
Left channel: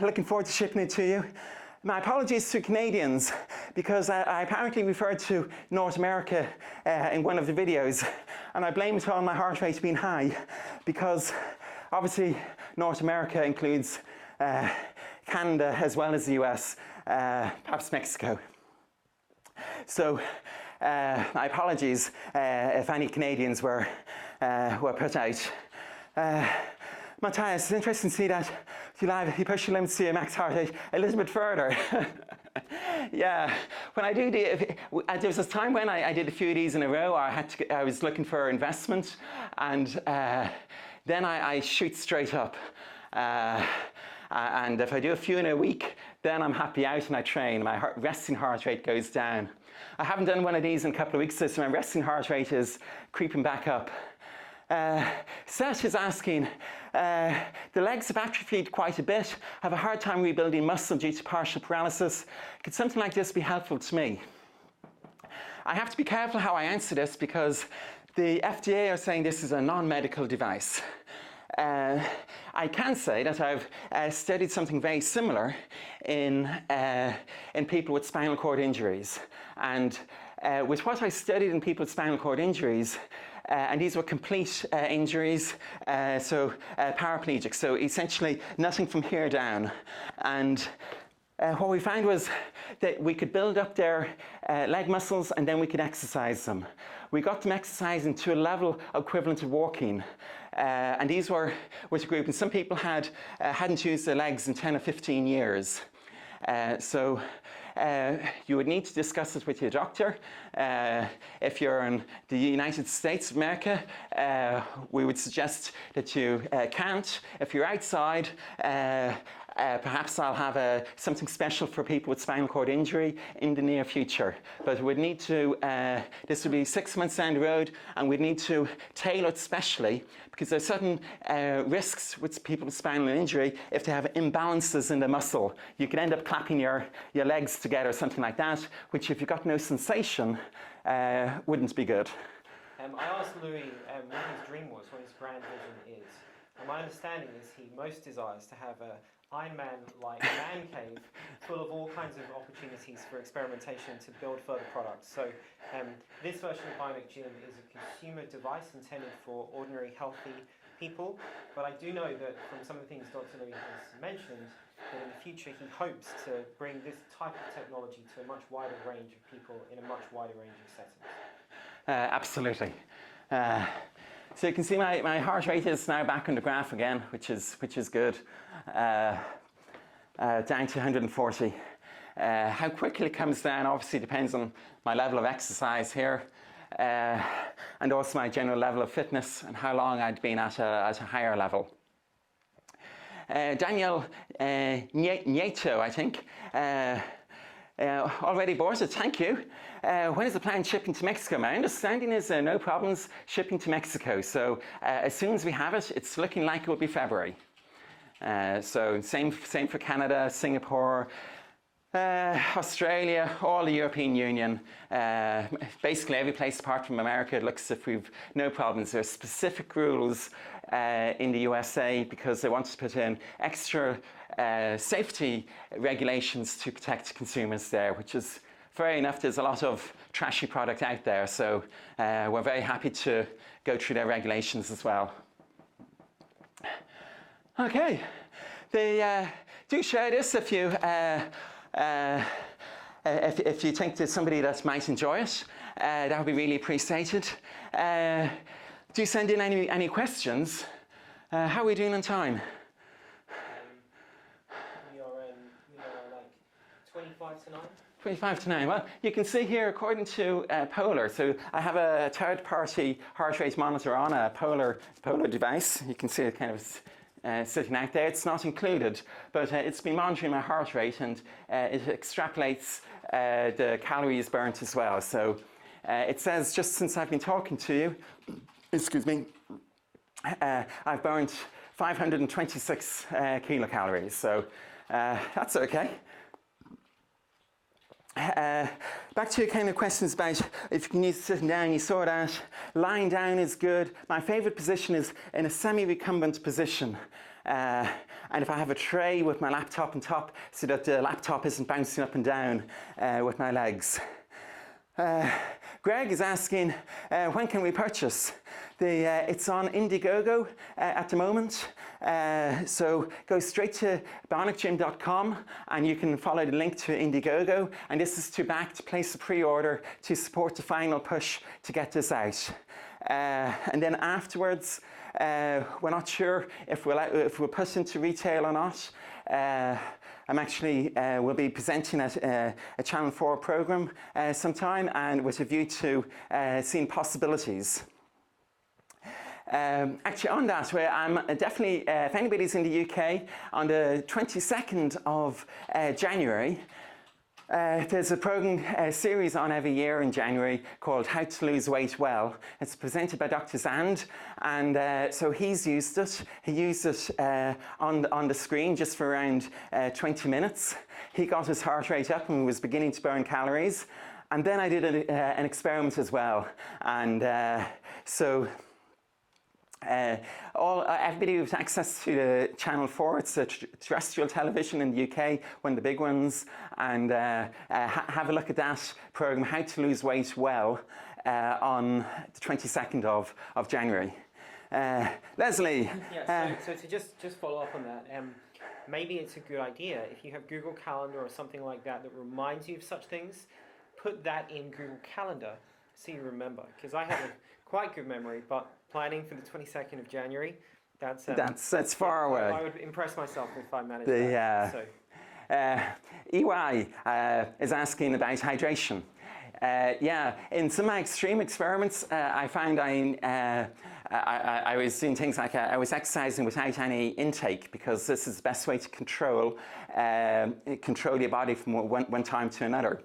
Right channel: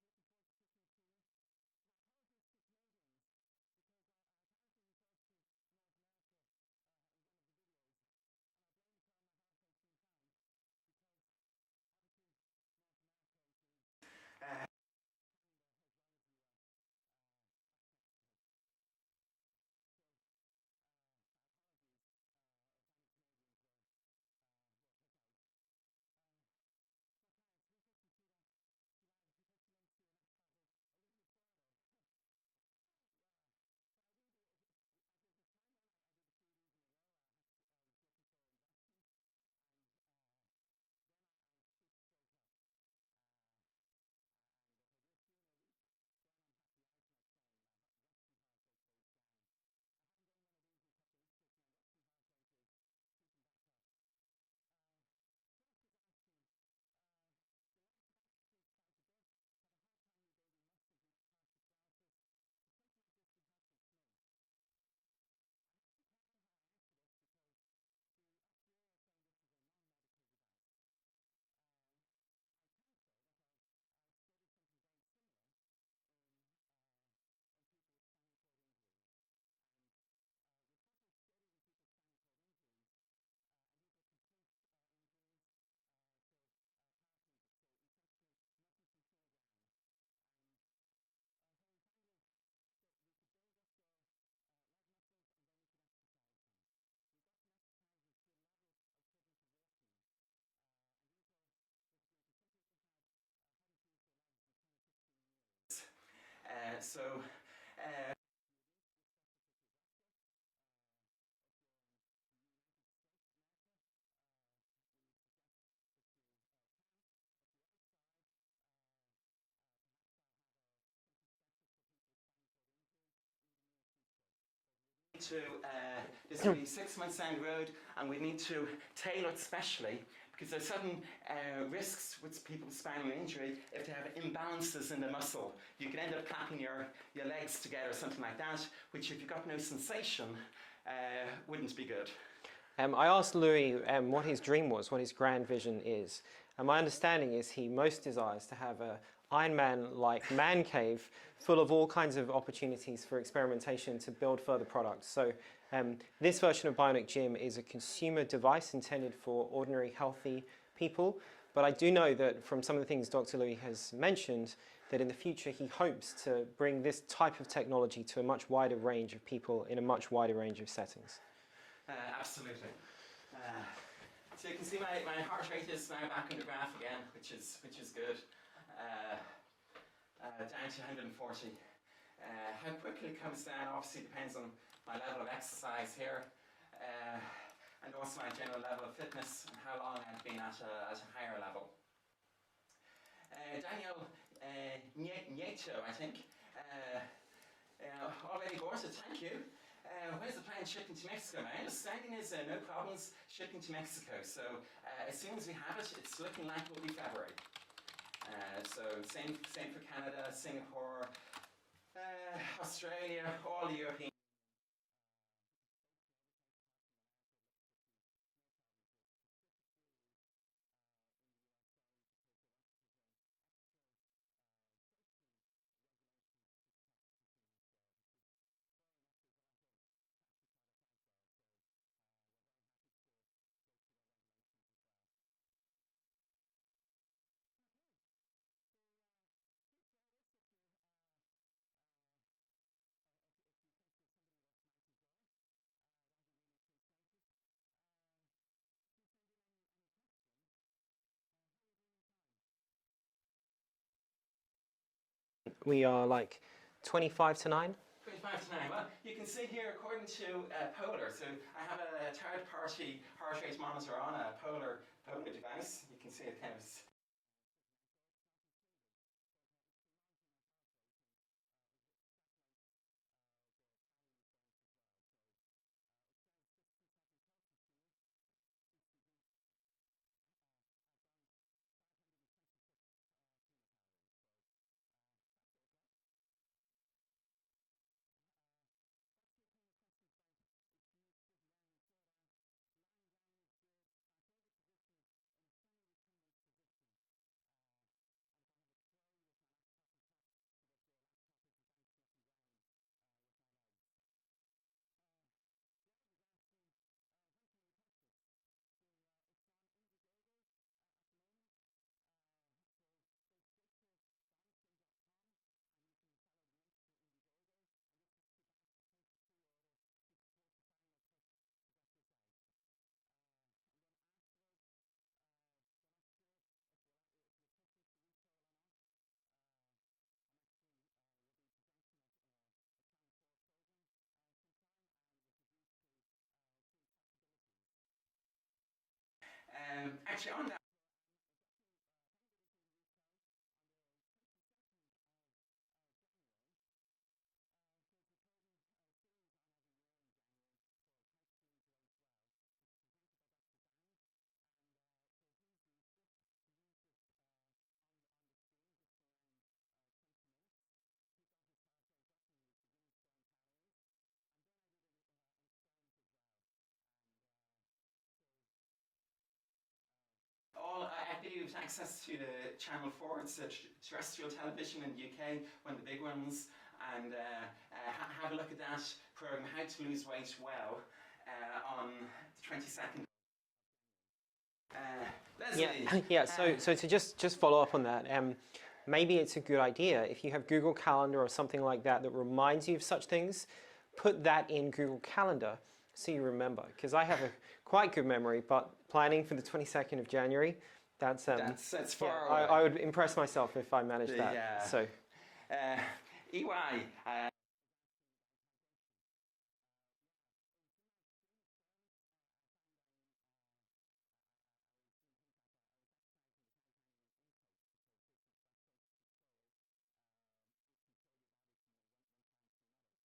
Looking forward to shipping it to you. My apologies to Canadians, because I apparently referred to North America in one of the videos, and I blame it on my heart rate being high, because obviously North America includes Canada as well as the US, perhaps Mexico. So my apologies if any Canadians were put out. Matthias, it's interesting to see that you push your limits to your max heart rate a little bit further. Yeah, when I do there was a time when I did a few of these in a row. I was looking for investment, and then I shoot straight up. And if I do a few in a week, then I'm happy out and I train. My resting heart rate goes down. I haven't done one of these in a couple of weeks, so my resting heart rate is creeping back up. Seth is asking, the legs have atrophied quite a bit. I have a hard time rebuilding muscle due to partial paralysis. Could something like this be helpful to me? I have to be careful how I answer this because the FDA are saying this is a non-medical device. I can say that I've studied something very similar in people with spinal cord injuries. And with what I studied in people with spinal cord injuries, and these were complete injuries, so paraplegic, so essentially nothing from here down. And what we found was that we could build up their leg muscles and then we could exercise them. We got them exercising to a level equivalent to walking. And these were with a group, and some people hadn't used their legs in 10 or 15 years. So you would need to discuss it with your doctor. If you're in the United States of America, we would suggest that you can't. If you're outside, perhaps I'll have something special for people with spinal cord injury in the near future. But we'd need to, this would be 6 months down the road, and we'd need to tailor it specially because there's certain risks with people with spinal injury. If they have imbalances in the muscle, you could end up clapping your legs together, something like that, which if you've got no sensation, wouldn't be good. I asked Louis what his dream was, what his grand vision is. And my understanding is he most desires to have a Iron Man-like man cave full of all kinds of opportunities for experimentation to build further products. So this version of Bionic Gym is a consumer device intended for ordinary healthy people. But I do know that from some of the things Dr. Louis has mentioned, that in the future he hopes to bring this type of technology to a much wider range of people in a much wider range of settings. Absolutely. So you can see my heart rate is now back on the graph again, which is good. Down to 140. How quickly it comes down obviously depends on my level of exercise here, and also my general level of fitness and how long I'd been at a higher level. Daniel Nieto, I think, already bought it, thank you. When is the planned shipping to Mexico? My understanding is no problems shipping to Mexico. So as soon as we have it, it's looking like it will be February. So same for Canada, Singapore, Australia, all the European Union. Basically every place apart from America, it looks as if we've no problems. There are specific rules in the USA because they want to put in extra safety regulations to protect consumers there, which is fair enough. There's a lot of trashy product out there, so we're very happy to go through their regulations as well. Okay, do share this if you think there's somebody that might enjoy it. That would be really appreciated. Do send in any questions. How are we doing on time? We are like 25 to 9. 25 to 9. Well, you can see here, according to Polar, so I have a third-party heart rate monitor on a Polar device. You can see it kind of sitting out there. It's not included, but it's been monitoring my heart rate, and it extrapolates the calories burnt as well. So it says just since I've been talking to you, excuse me, I've burnt 526 kilocalories. So that's okay. Back to your kind of questions about if you can use sitting down, you saw that. Lying down is good. My favorite position is in a semi-recumbent position. And if I have a tray with my laptop on top so that the laptop isn't bouncing up and down with my legs. Greg is asking, when can we purchase? It's on Indiegogo at the moment. So go straight to BionicGym.com and you can follow the link to Indiegogo. And this is to place a pre-order to support the final push to get this out. And then afterwards, we're not sure if we'll push into retail or not. I'm actually will be presenting at a Channel 4 program sometime, and with a view to seeing possibilities. Actually, on that, where I'm definitely, if anybody's in the UK, on the 22nd of January, there's a program series on every year in January called How to Lose Weight Well. It's presented by Dr. Zand, and so he's used it. He used it on the screen just for around 20 minutes. He got his heart rate up and was beginning to burn calories. And then I did an experiment as well. And so everybody with access to the Channel 4, it's a terrestrial television in the UK, one of the big ones, and have a look at that program, How to Lose Weight Well, on the 22nd of January. Leslie? So to just follow up on that, maybe it's a good idea if you have Google Calendar or something like that that reminds you of such things, put that in Google Calendar so you remember, because I have a quite good memory, but planning for the 22nd of January, that's far away. I would impress myself if I managed that. So. EY is asking about hydration. In some of my extreme experiments, I found I was doing things like I was exercising without any intake, because this is the best way to control your body from one time to another.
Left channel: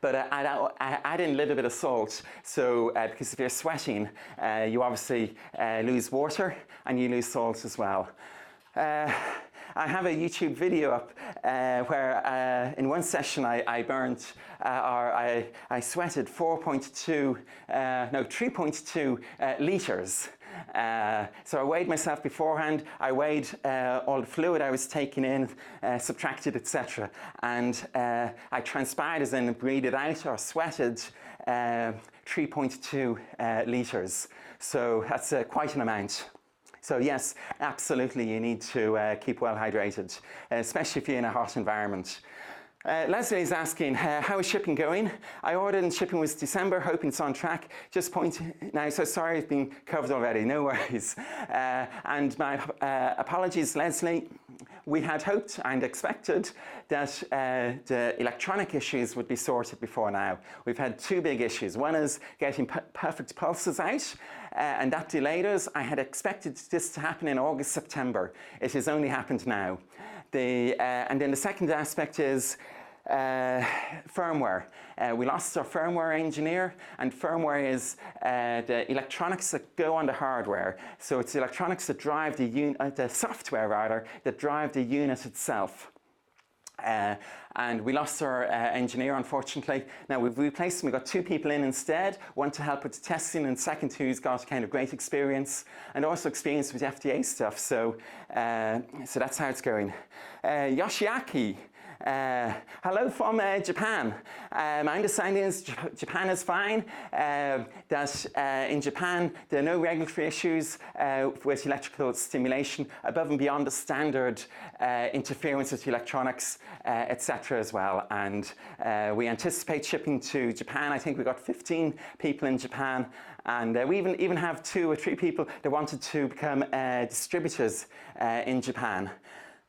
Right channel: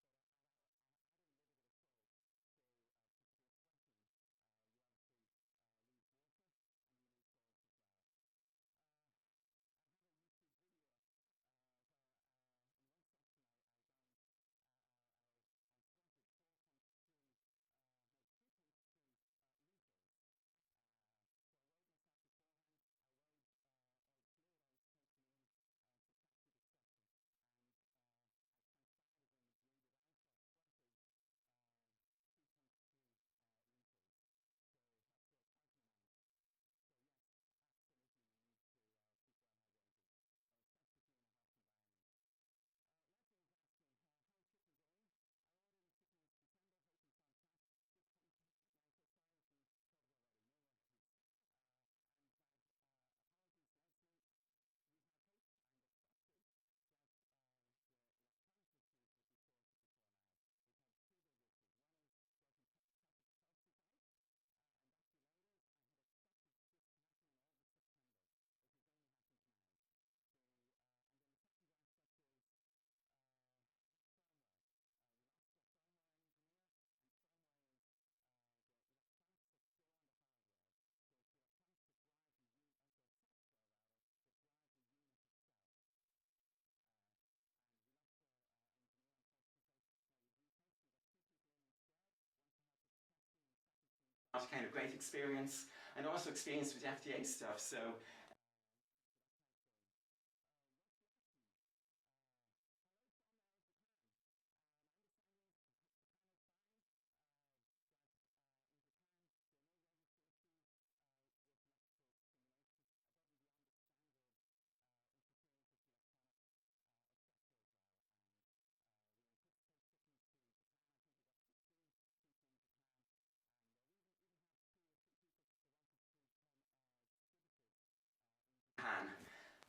But I add in a little bit of salt, so because if you're sweating, you obviously lose water and you lose salt as well. I have a YouTube video up where in one session I sweated 3.2 litres. So I weighed myself beforehand, I weighed all the fluid I was taking in, subtracted, etc. And I transpired, as in breathed out or sweated 3.2 litres. So that's quite an amount. So yes, absolutely you need to keep well hydrated, especially if you're in a hot environment. Leslie is asking, how is shipping going? I ordered and shipping was December, hoping it's on track. Just point now, so sorry it's been covered already, no worries. And my apologies, Leslie. We had hoped and expected that the electronic issues would be sorted before now. We've had two big issues. One is getting perfect pulses out, and that delayed us. I had expected this to happen in August, September. It has only happened now. And then the second aspect is firmware. We lost our firmware engineer, and firmware is the electronics that go on the hardware. So it's the electronics that drive the software rather, that drive the unit itself. And we lost our engineer, unfortunately. Now we've replaced him. We've got two people in instead, one to help with the testing, and second who's got kind of great experience and also experience with FDA stuff. So that's how it's going. Yoshiaki. Hello from Japan. My understanding is Japan is fine, that in Japan there are no regulatory issues with electrical stimulation above and beyond the standard interference with electronics, etc. as well. And we anticipate shipping to Japan. I think we've got 15 people in Japan, and we even have 2 or 3 people that wanted to become distributors in Japan.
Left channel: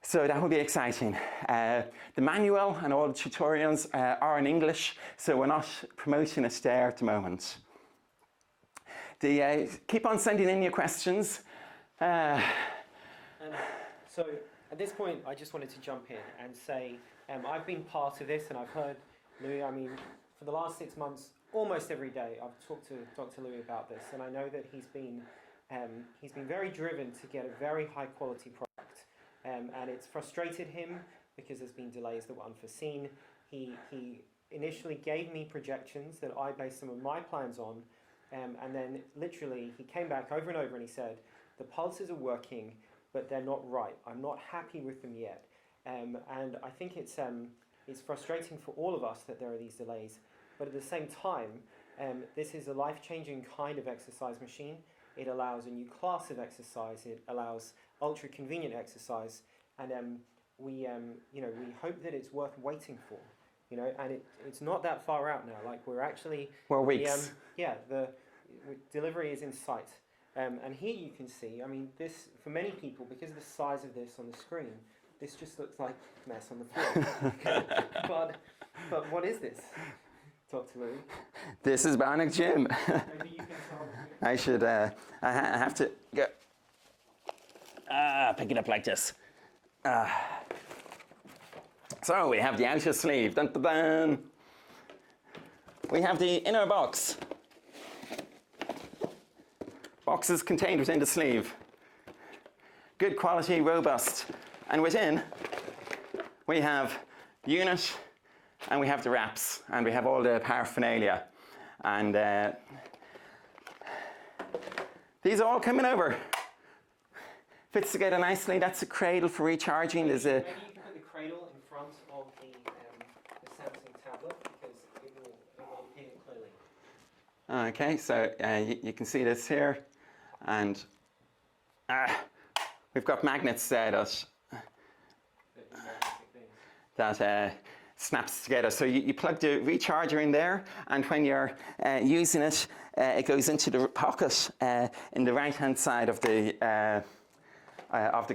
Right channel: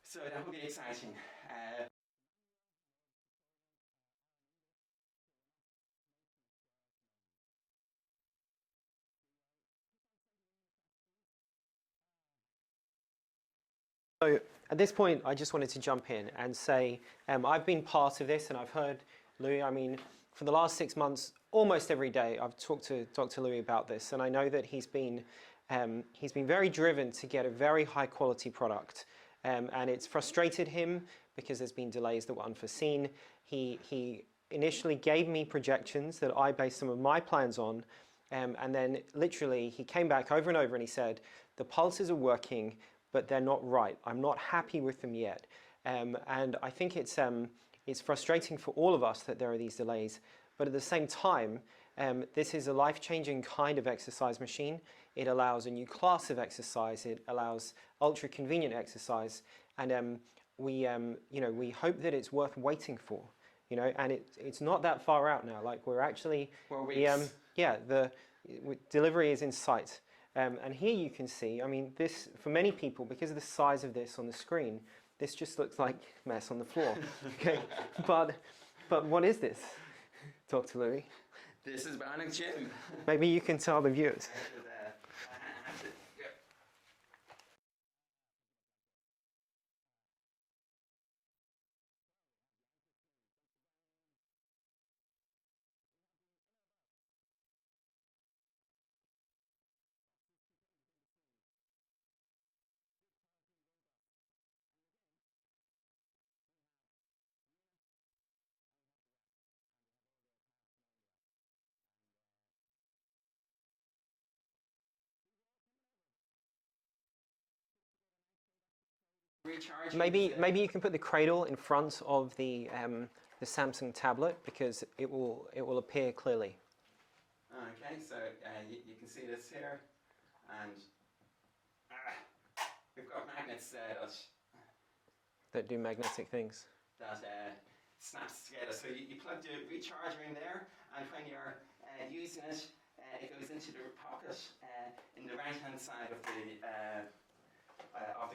So that will be exciting. The manual and all the tutorials are in English, so we're not promoting it there at the moment. Keep on sending in your questions. So at this point, I just wanted to jump in and say I've been part of this, and I've heard Louis, I mean, for the last 6 months, almost every day, I've talked to Dr. Louis about this, and I know that he's been very driven to get a very high quality product. And it's frustrated him because there's been delays that were unforeseen. He initially gave me projections that I based some of my plans on, and then literally he came back over and over and he said, the pulses are working, but they're not right. I'm not happy with them yet. And I think it's frustrating for all of us that there are these delays, but at the same time, This is a life-changing kind of exercise machine. It allows a new class of exercise. It allows ultra-convenient exercise, and we hope that it's worth waiting for. And it's not that far out now. Like we're weeks. The delivery is in sight. And here you can see, I mean, this, for many people, because of the size of this on the screen, this just looks like mess on the floor. But what is this, Dr. Louis? This is Bionic Gym. Maybe you can tell the viewers. I should, I have to go, pick it up like this. So we have the outer sleeve, dun, dun, dun. We have the inner box. Box is contained within the sleeve. Good quality, robust. And within, we have the unit, and we have the wraps, and we have all the paraphernalia. And these are all coming over. Fits together nicely. That's a cradle for recharging. Maybe you can put the cradle in front of the Samsung tablet, because it will appear clearly. Okay, so you can see this here, and we've got magnets there that do magnetic things. That snaps together. So you plug the recharger in there, and when you're using it, it goes into the pocket in the right-hand side of the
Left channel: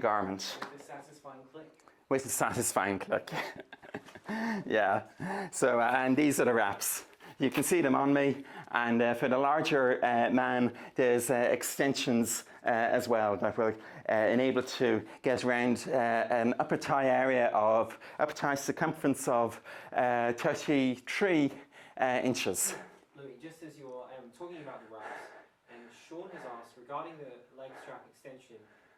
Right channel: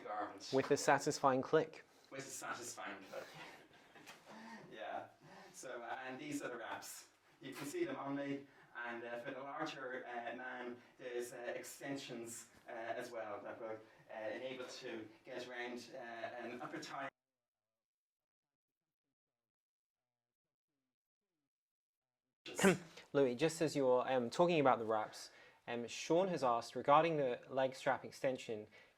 garment. With a satisfying click. With a satisfying click. Yeah. So and these are the wraps. You can see them on me, and for the larger man, there's extensions as well that will enable to get around an upper thigh circumference of 33 inches. Louis, just as you're talking about the wraps, Sean has asked regarding the leg strap extension,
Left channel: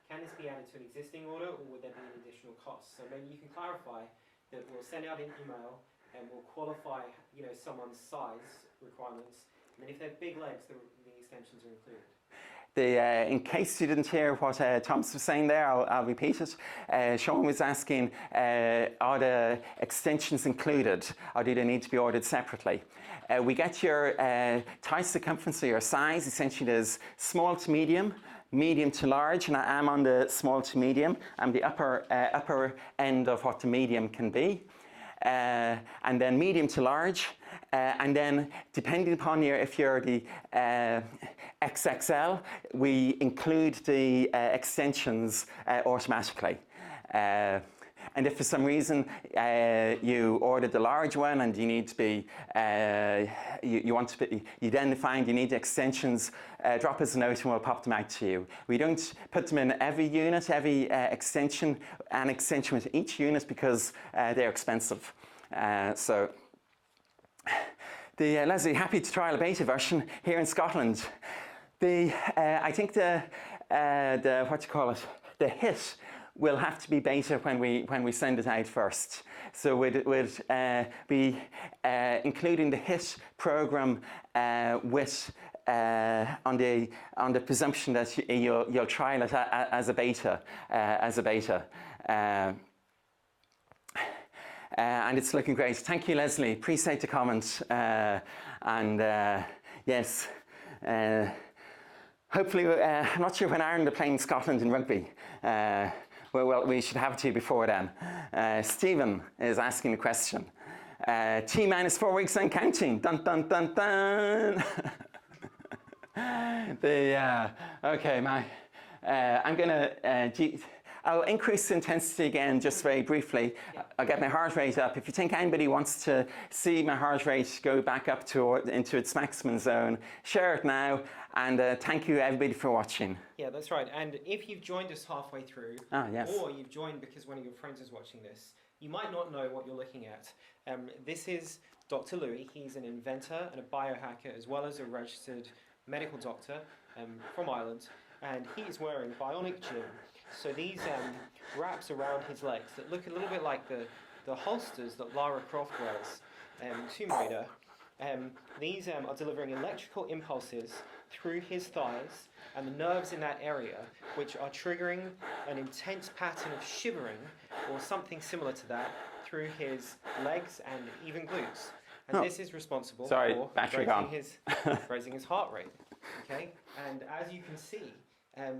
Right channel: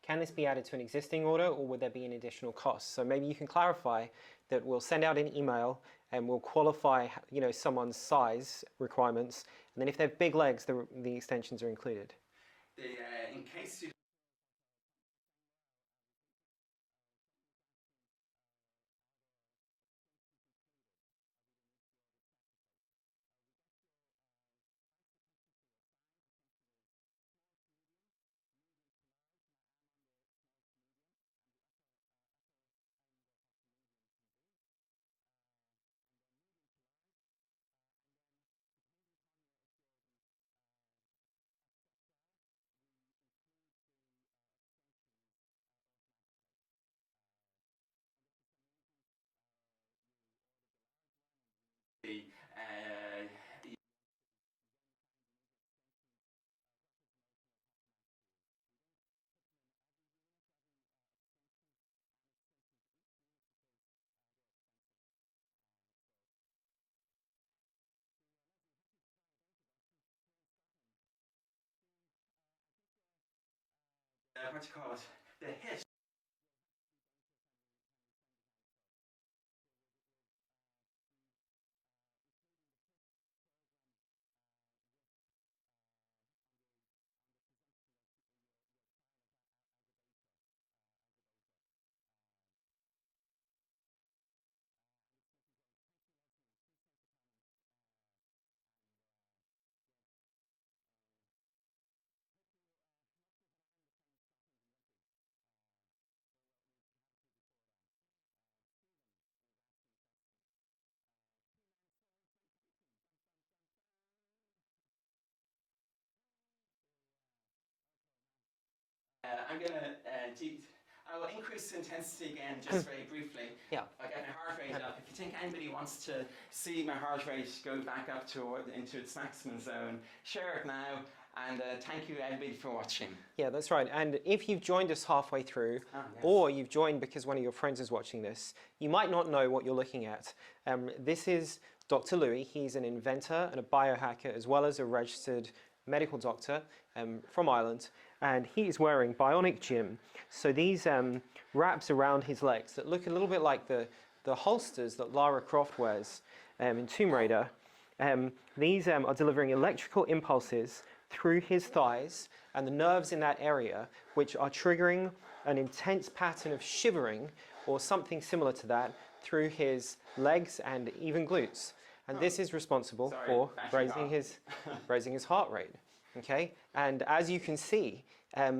can this be added to an existing order, or would there be an additional cost? So maybe you can clarify that we'll send out an email and we'll qualify, someone's size requirements, and then if they have big legs, the extensions are included. In case you didn't hear what Thomas was saying there, I'll repeat it. Sean was asking, are the extensions included, or do they need to be ordered separately? We get your thigh circumference, or your size. Essentially, there's small to medium, medium to large, and I am on the small to medium. I'm the upper end of what the medium can be. And then medium to large, and then depending upon if you're the XXL, we include the extensions automatically. And if for some reason you ordered the large one and you need to be, you then find you need extensions, drop us a note and we'll pop them out to you. We don't put them in every unit, every extension, an extension with each unit, because they're expensive. So, Leslie, happy to trial a beta version here in Scotland. I think the hit will have to be beta when we send it out first. So we'd be including the hit program with on the presumption that you'll trial it as a beta. And it's looking great. Thank you, Leslie. Appreciate the comments. Yes. Hopefully, I'm not sure when Ireland are playing Scotland in rugby. Well, we should have it to you before then. Stephen is asking a question. T minus 4 weeks and counting. Dun dun dun dun. Okay, I'm gonna. I'll increase the intensity again just very briefly. Yeah. I'll get my heart rate up. If you think anybody wants to see my heart rate go back up into its maximum zone, share it now. And thank you everybody for watching. Yeah, that's right. And if you've joined us halfway through, yes. or you've joined because one of your friends is watching this, you might not know what you're looking at. This is Dr. Louis. He's an inventor and a biohacker, as well as a registered medical doctor from Ireland. And he's wearing Bionic Gym. So these wraps around his legs that look a little bit like the holsters that Lara Croft wears in Tomb Raider. These are delivering electrical impulses through his thighs and the nerves in that area, which are triggering an intense pattern of shivering or something similar to that through his legs and even glutes. And this is responsible Sorry, for battery gone. raising his heart rate. Okay, and as you can see,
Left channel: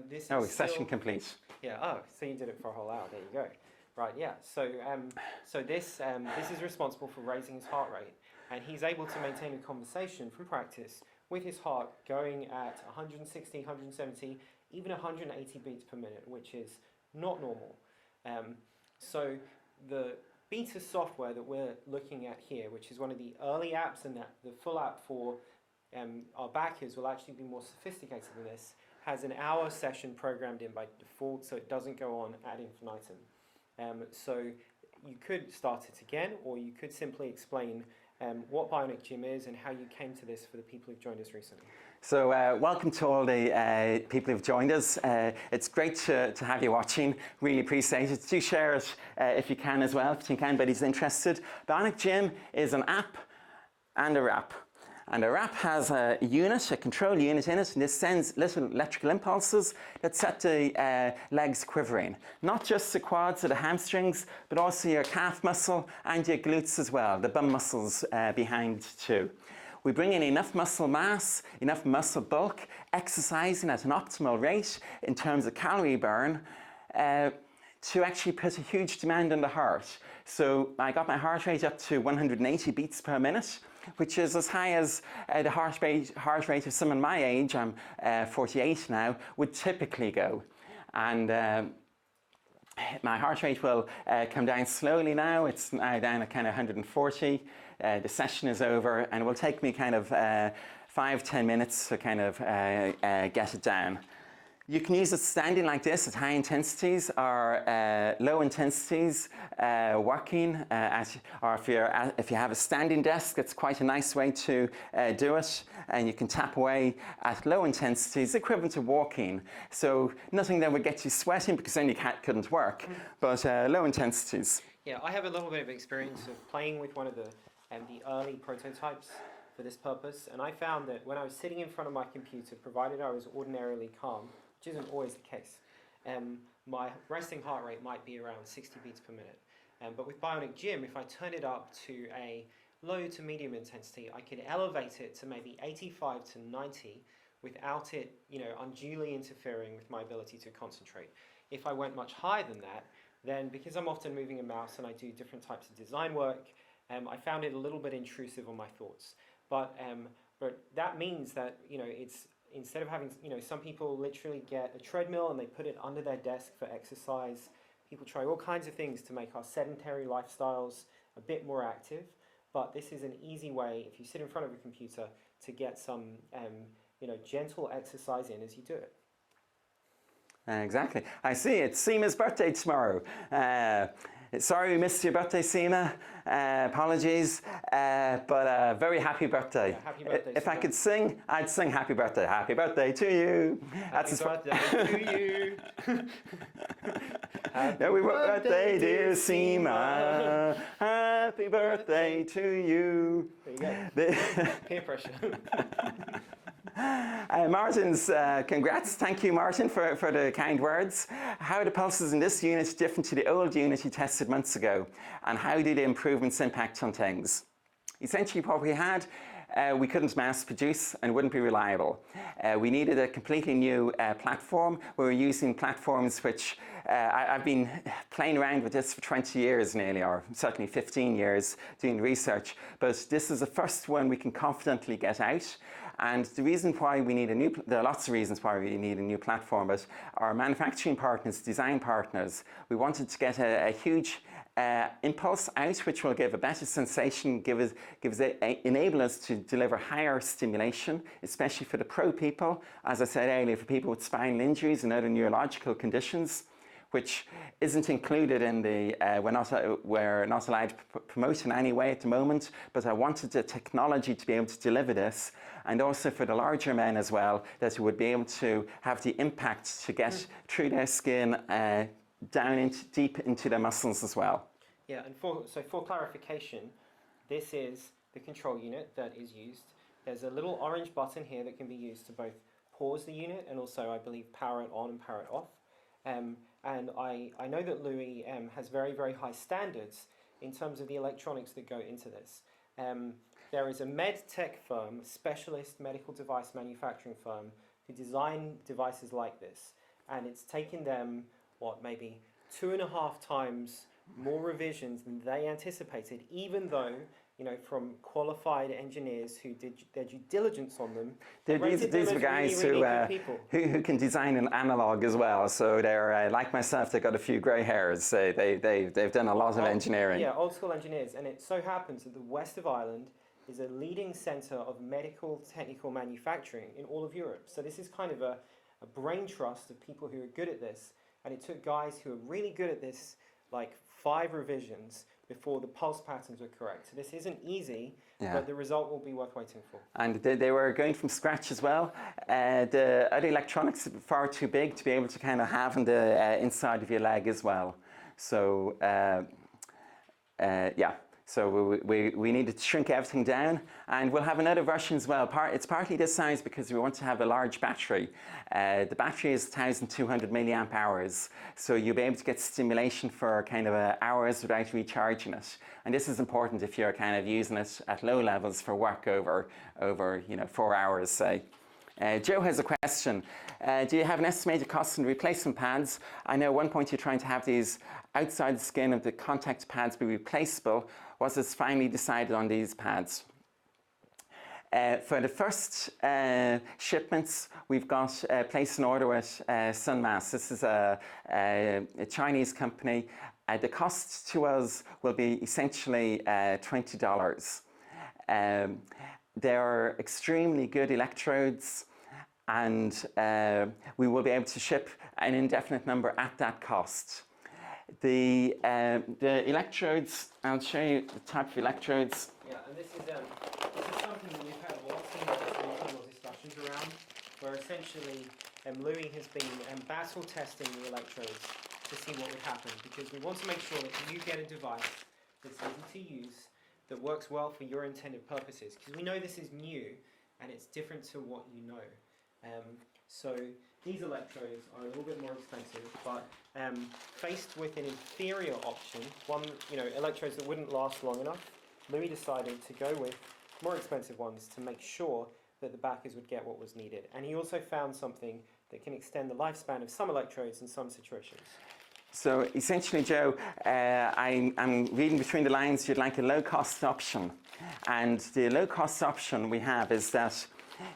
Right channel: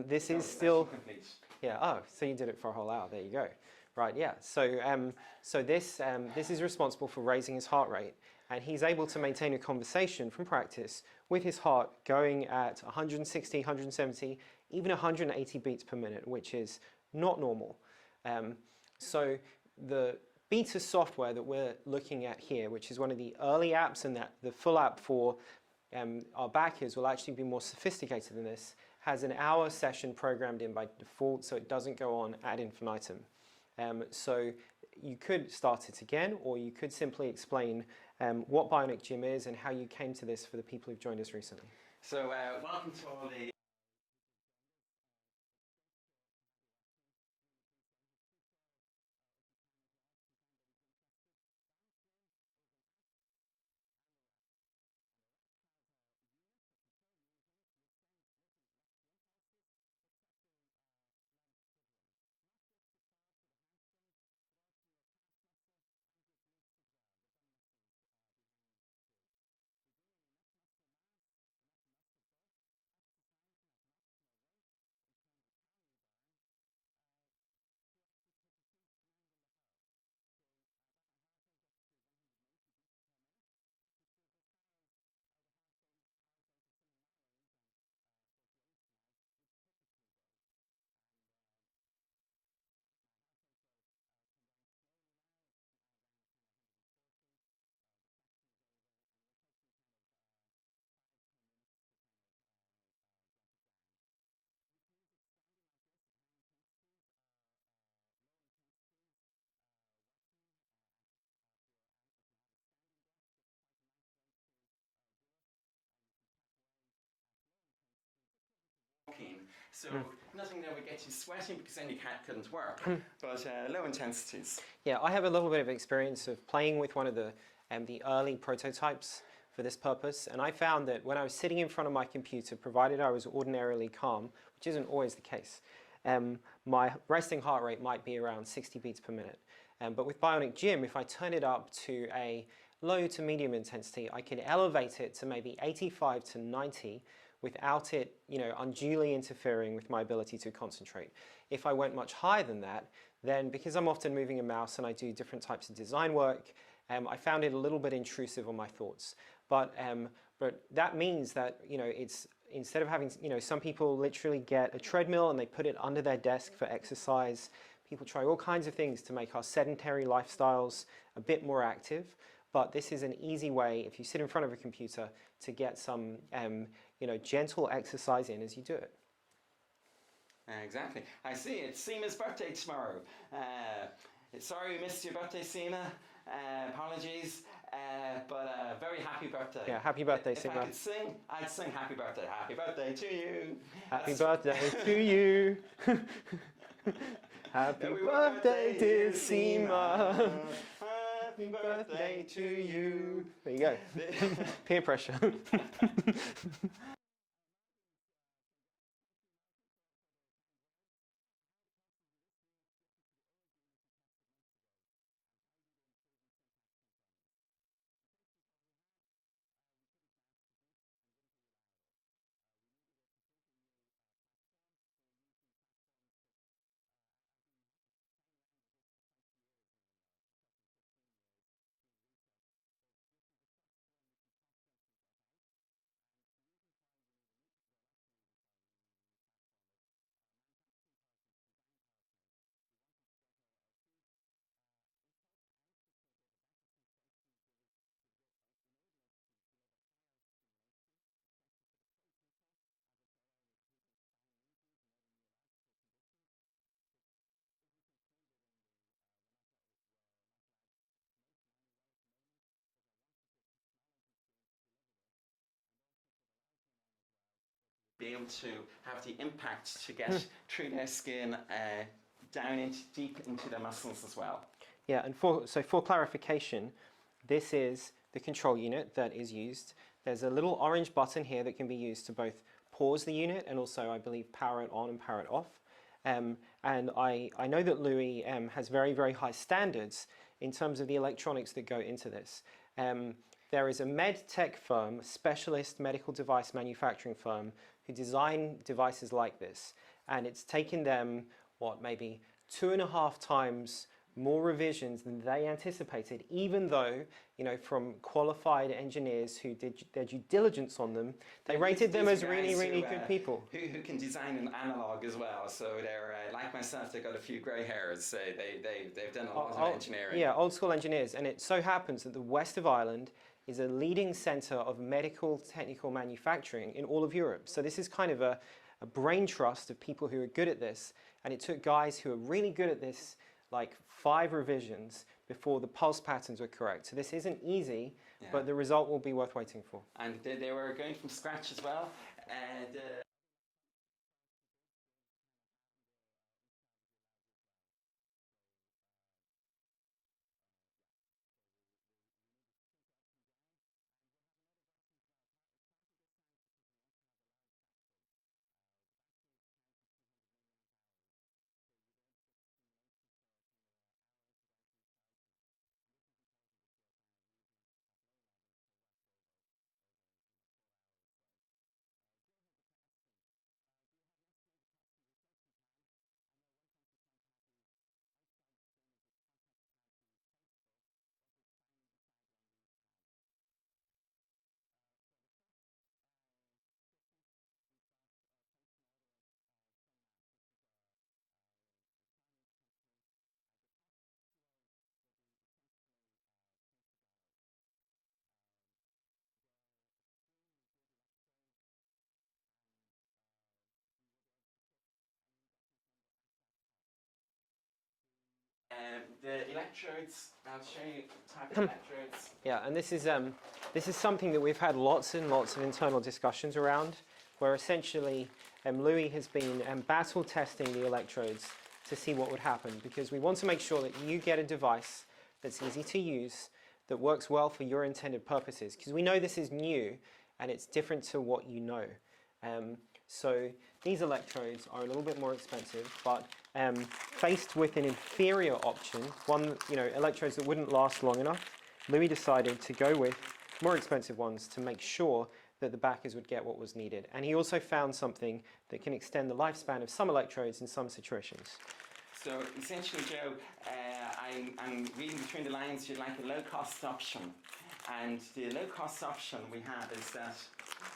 this is still session complete. Yeah. Oh, so you did it for a whole hour. There you go. Right. Yeah. So this is responsible for raising his heart rate, and he's able to maintain a conversation from practice with his heart going at 160, 170, even 180 beats per minute, which is not normal. So the beta software that we're looking at here, which is one of the early apps, and that the full app for our backers will actually be more sophisticated than this, has an hour session programmed in by default, so it doesn't go on ad infinitum. So you could start it again, or you could simply explain what Bionic Gym is and how you came to this for the people who've joined us recently. So welcome to all the people who've joined us. It's great to have you watching. Really appreciate it. Do share it if you can as well, if you think anybody's interested. Bionic Gym is an app and a wrap. And a wrap has a unit, a control unit in it, and this sends little electrical impulses that set the legs quivering. Not just the quads or the hamstrings, but also your calf muscle and your glutes as well, the bum muscles behind too. We bring in enough muscle mass, enough muscle bulk, exercising at an optimal rate in terms of calorie burn to actually put a huge demand on the heart. So I got my heart rate up to 180 beats per minute, which is as high as the heart rate of someone my age, I'm 48 now, would typically go. And my heart rate will come down slowly now. It's now down at kind of 140. The session is over, and it will take me kind of 5-10 minutes to kind of get it down. You can use it standing like this at high intensities or low intensities working, or if you have a standing desk, it's quite a nice way to do it. And you can tap away at low intensities, equivalent to walking. So nothing that would get you sweating, because then you couldn't work, but low intensities. Yeah, I have a little bit of experience of playing with one of the early prototypes for this purpose, and I found that when I was sitting in front of my computer, provided I was ordinarily calm, which isn't always the case, my resting heart rate might be around 60 beats per minute. But with Bionic Gym, if I turn it up to a low to medium intensity, I can elevate it to maybe 85 to 90 without it, unduly interfering with my ability to concentrate. If I went much higher than that, then because I'm often moving a mouse and I do different types of design work, I found it a little bit intrusive on my thoughts. But that means that it's instead of having some people literally get a treadmill and they put it under their desk for exercise. People try all kinds of things to make our sedentary lifestyles a bit more active. But this is an easy way, if you sit in front of a computer, to get some gentle exercise in as you do it. Exactly. I see it's Seema's birthday tomorrow. Sorry we missed your birthday, Seema. Apologies, but very happy birthday. Yeah, happy birthday, If Seema. I could sing, I'd sing happy birthday. Happy birthday to you. Happy birthday to you. Happy birthday, dear Seema. Happy birthday to you. There you go. Peer pressure. Martin's congrats. Thank you, Martin, for the kind words. How are the pulses in this unit different to the old unit you tested months ago? And how do the improvements impact on things? Essentially, what we had, we couldn't mass produce and wouldn't be reliable. We needed a completely new platform. We were using platforms which I've been playing around with this for 20 years nearly, or certainly 15 years doing research, but this is the first one we can confidently get out. And the reason why we need there are lots of reasons why we need a new platform, but our manufacturing partners, design partners, we wanted to get a huge impulse out, which will give a better sensation, enable us to deliver higher stimulation, especially for the pro people, as I said earlier, for people with spinal injuries and other neurological conditions, which isn't included in the, we're not allowed to promote in any way at the moment, but I wanted the technology to be able to deliver this, and also for the larger men as well, that would be able to have the impact to get through their skin down deep into the muscles as well. Yeah, and for clarification, this is the control unit that is used. There's a little orange button here that can be used to both pause the unit and also, I believe, power it on and power it off. And I know that Louis has very, very high standards in terms of the electronics that go into this. There is a med tech firm, specialist medical device manufacturing firm, who design devices like this. And it's taken them, what, maybe 2.5 times more revisions than they anticipated, even though, you know, from qualified engineers who did their due diligence on them, they rated them as really, really good people. Who can design an analog as well. So they're, like myself, they've got a few grey hairs. So they've done a lot of engineering. Yeah, old school engineers. And it so happens that the west of Ireland is a leading centre of medical technical manufacturing in all of Europe. So this is kind of a brain trust of people who are good at this. And it took guys who are really good at this, like 5 revisions before the pulse patterns were correct. So this isn't easy, but the result will be worth waiting for. And they were going from scratch as well. The other electronics are far too big to be able to kind of have in the inside of your leg as well. So yeah. So we needed to shrink everything down, and we'll have another version as well. It's partly this size because we want to have a large battery. The battery is 1,200 milliamp hours, so you'll be able to get stimulation for kind of hours without recharging it. And this is important if you're kind of using it at low levels for work over 4 hours, say. Joe has a question. Do you have an estimated cost in replacement pads? I know at one point you're trying to have these outside the skin of the contact pads be replaceable. Was it finally decided on these pads? For the first shipments, we've got placed an order with Sunmass. This is a Chinese company. The cost to us will be essentially $20. They're extremely good electrodes, and we will be able to ship an indefinite number at that cost. The electrodes, I'll show you the type of electrodes. Yeah, and this is something that we've had lots and lots of internal discussions around, where essentially Louis has been battle testing the electrodes to see what would happen, because we want to make sure that you get a device that's easy to use, that works well for your intended purposes, because we know this is new and it's different to what you know. So these electrodes are a little bit more expensive, but faced with an inferior option, electrodes that wouldn't last long enough, Louis decided to go with more expensive ones to make sure that the backers would get what was needed. And he also found something that can extend the lifespan of some electrodes in some situations. So essentially, Joe, I'm reading between the lines, you'd like a low-cost option. And the low-cost option we have is that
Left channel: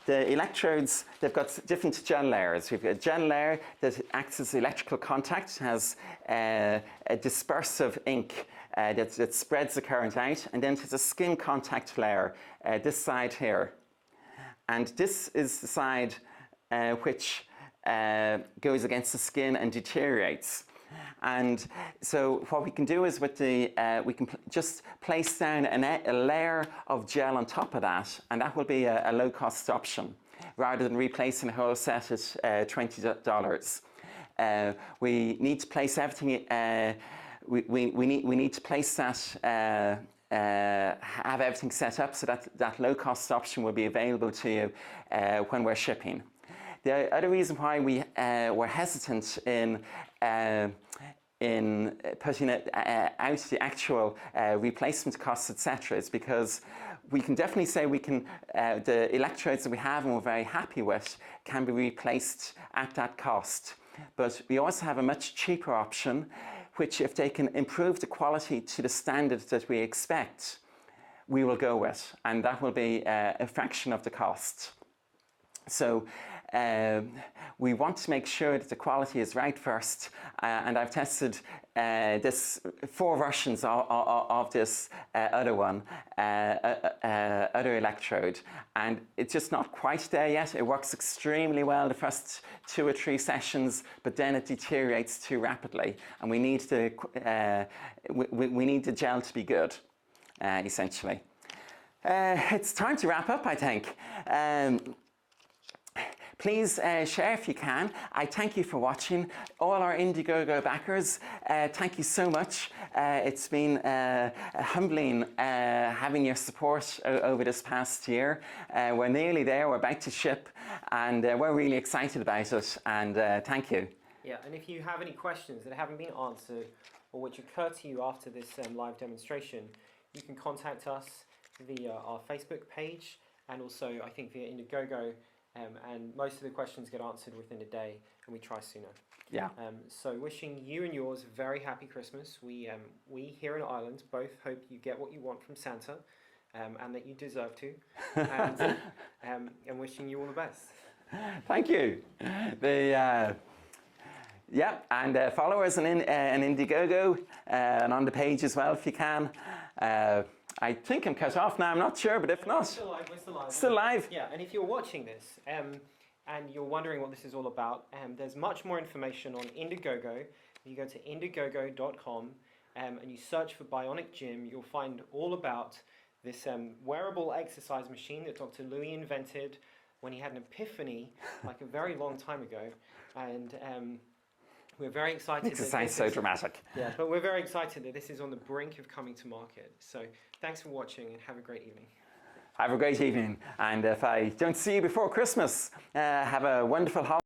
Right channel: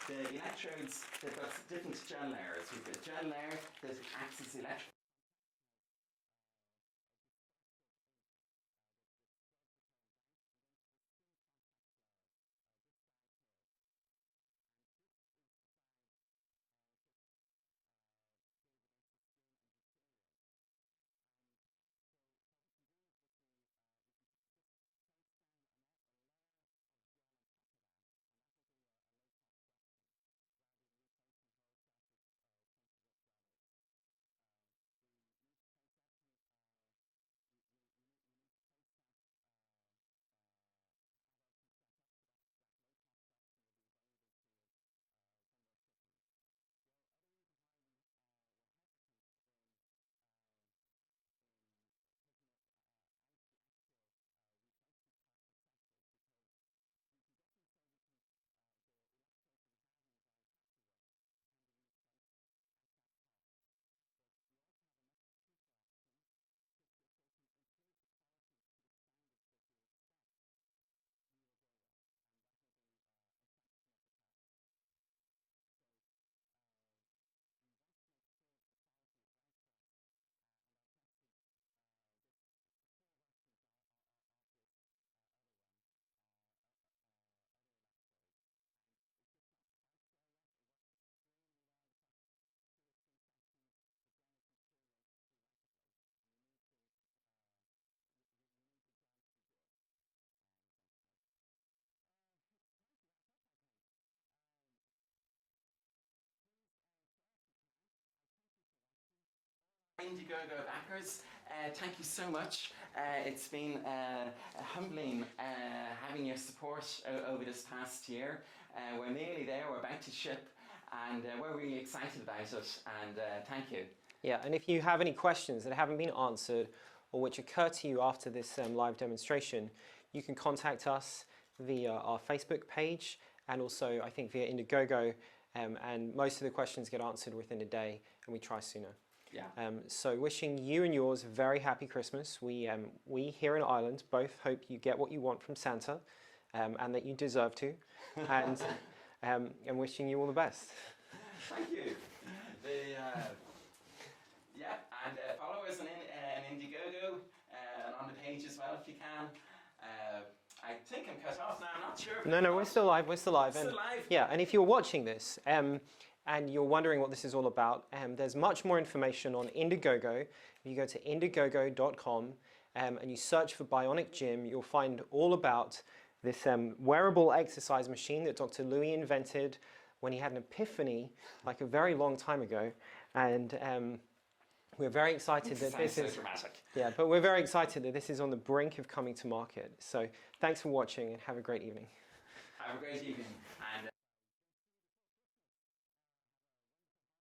the electrodes, they've got different gel layers. We've got a gel layer that acts as electrical contact, has a dispersive ink that spreads the current out, and then there's a skin contact layer, this side here. And this is the side which goes against the skin and deteriorates. And so what we can do is with the, we can just place down a layer of gel on top of that, and that will be a low-cost option, rather than replacing a whole set at $20. We need to place everything, we need to place that, have everything set up so that that low-cost option will be available to you when we're shipping. The other reason why we were hesitant in putting it out the actual replacement costs, etc., is because we can definitely say we can, the electrodes that we have and we're very happy with can be replaced at that cost. But we also have a much cheaper option, which if they can improve the quality to the standard that we expect, we will go with, and that will be a fraction of the cost. So we want to make sure that the quality is right first, and I've tested this 4 versions of this other one, other electrode, and it's just not quite there yet. It works extremely well the first 2 or 3 sessions, but then it deteriorates too rapidly, and we need the we need the gel to be good, essentially. It's time to wrap up, I think. Please share if you can. I thank you for watching. All our Indiegogo backers, thank you so much. It's been humbling having your support over this past year. We're nearly there, we're about to ship, and we're really excited about it, and thank you. Yeah, and if you have any questions that haven't been answered or which occur to you after this live demonstration, you can contact us via our Facebook page, and also I think via Indiegogo, and most of the questions get answered within a day, and we try sooner. Yeah. So wishing you and yours a very happy Christmas. We here in Ireland both hope you get what you want from Santa, and that you deserve to, and wishing you all the best. Thank you. Yeah, and follow us on Indiegogo and on the page as well if you can. I think I'm cut off now, I'm not sure, but if not, we're still live, we're still live. Still live? Yeah, and if you're watching this and you're wondering what this is all about, there's much more information on Indiegogo. If you go to indiegogo.com and you search for Bionic Gym, you'll find all about this wearable exercise machine that Dr. Louis invented when he had an epiphany like a very long time ago. And we're very excited. Makes it sound so dramatic. Yeah, but we're very excited that this is on the brink of coming to market. So thanks for watching and have a great evening. Have a great evening. And if I don't see you before Christmas, have a wonderful holiday.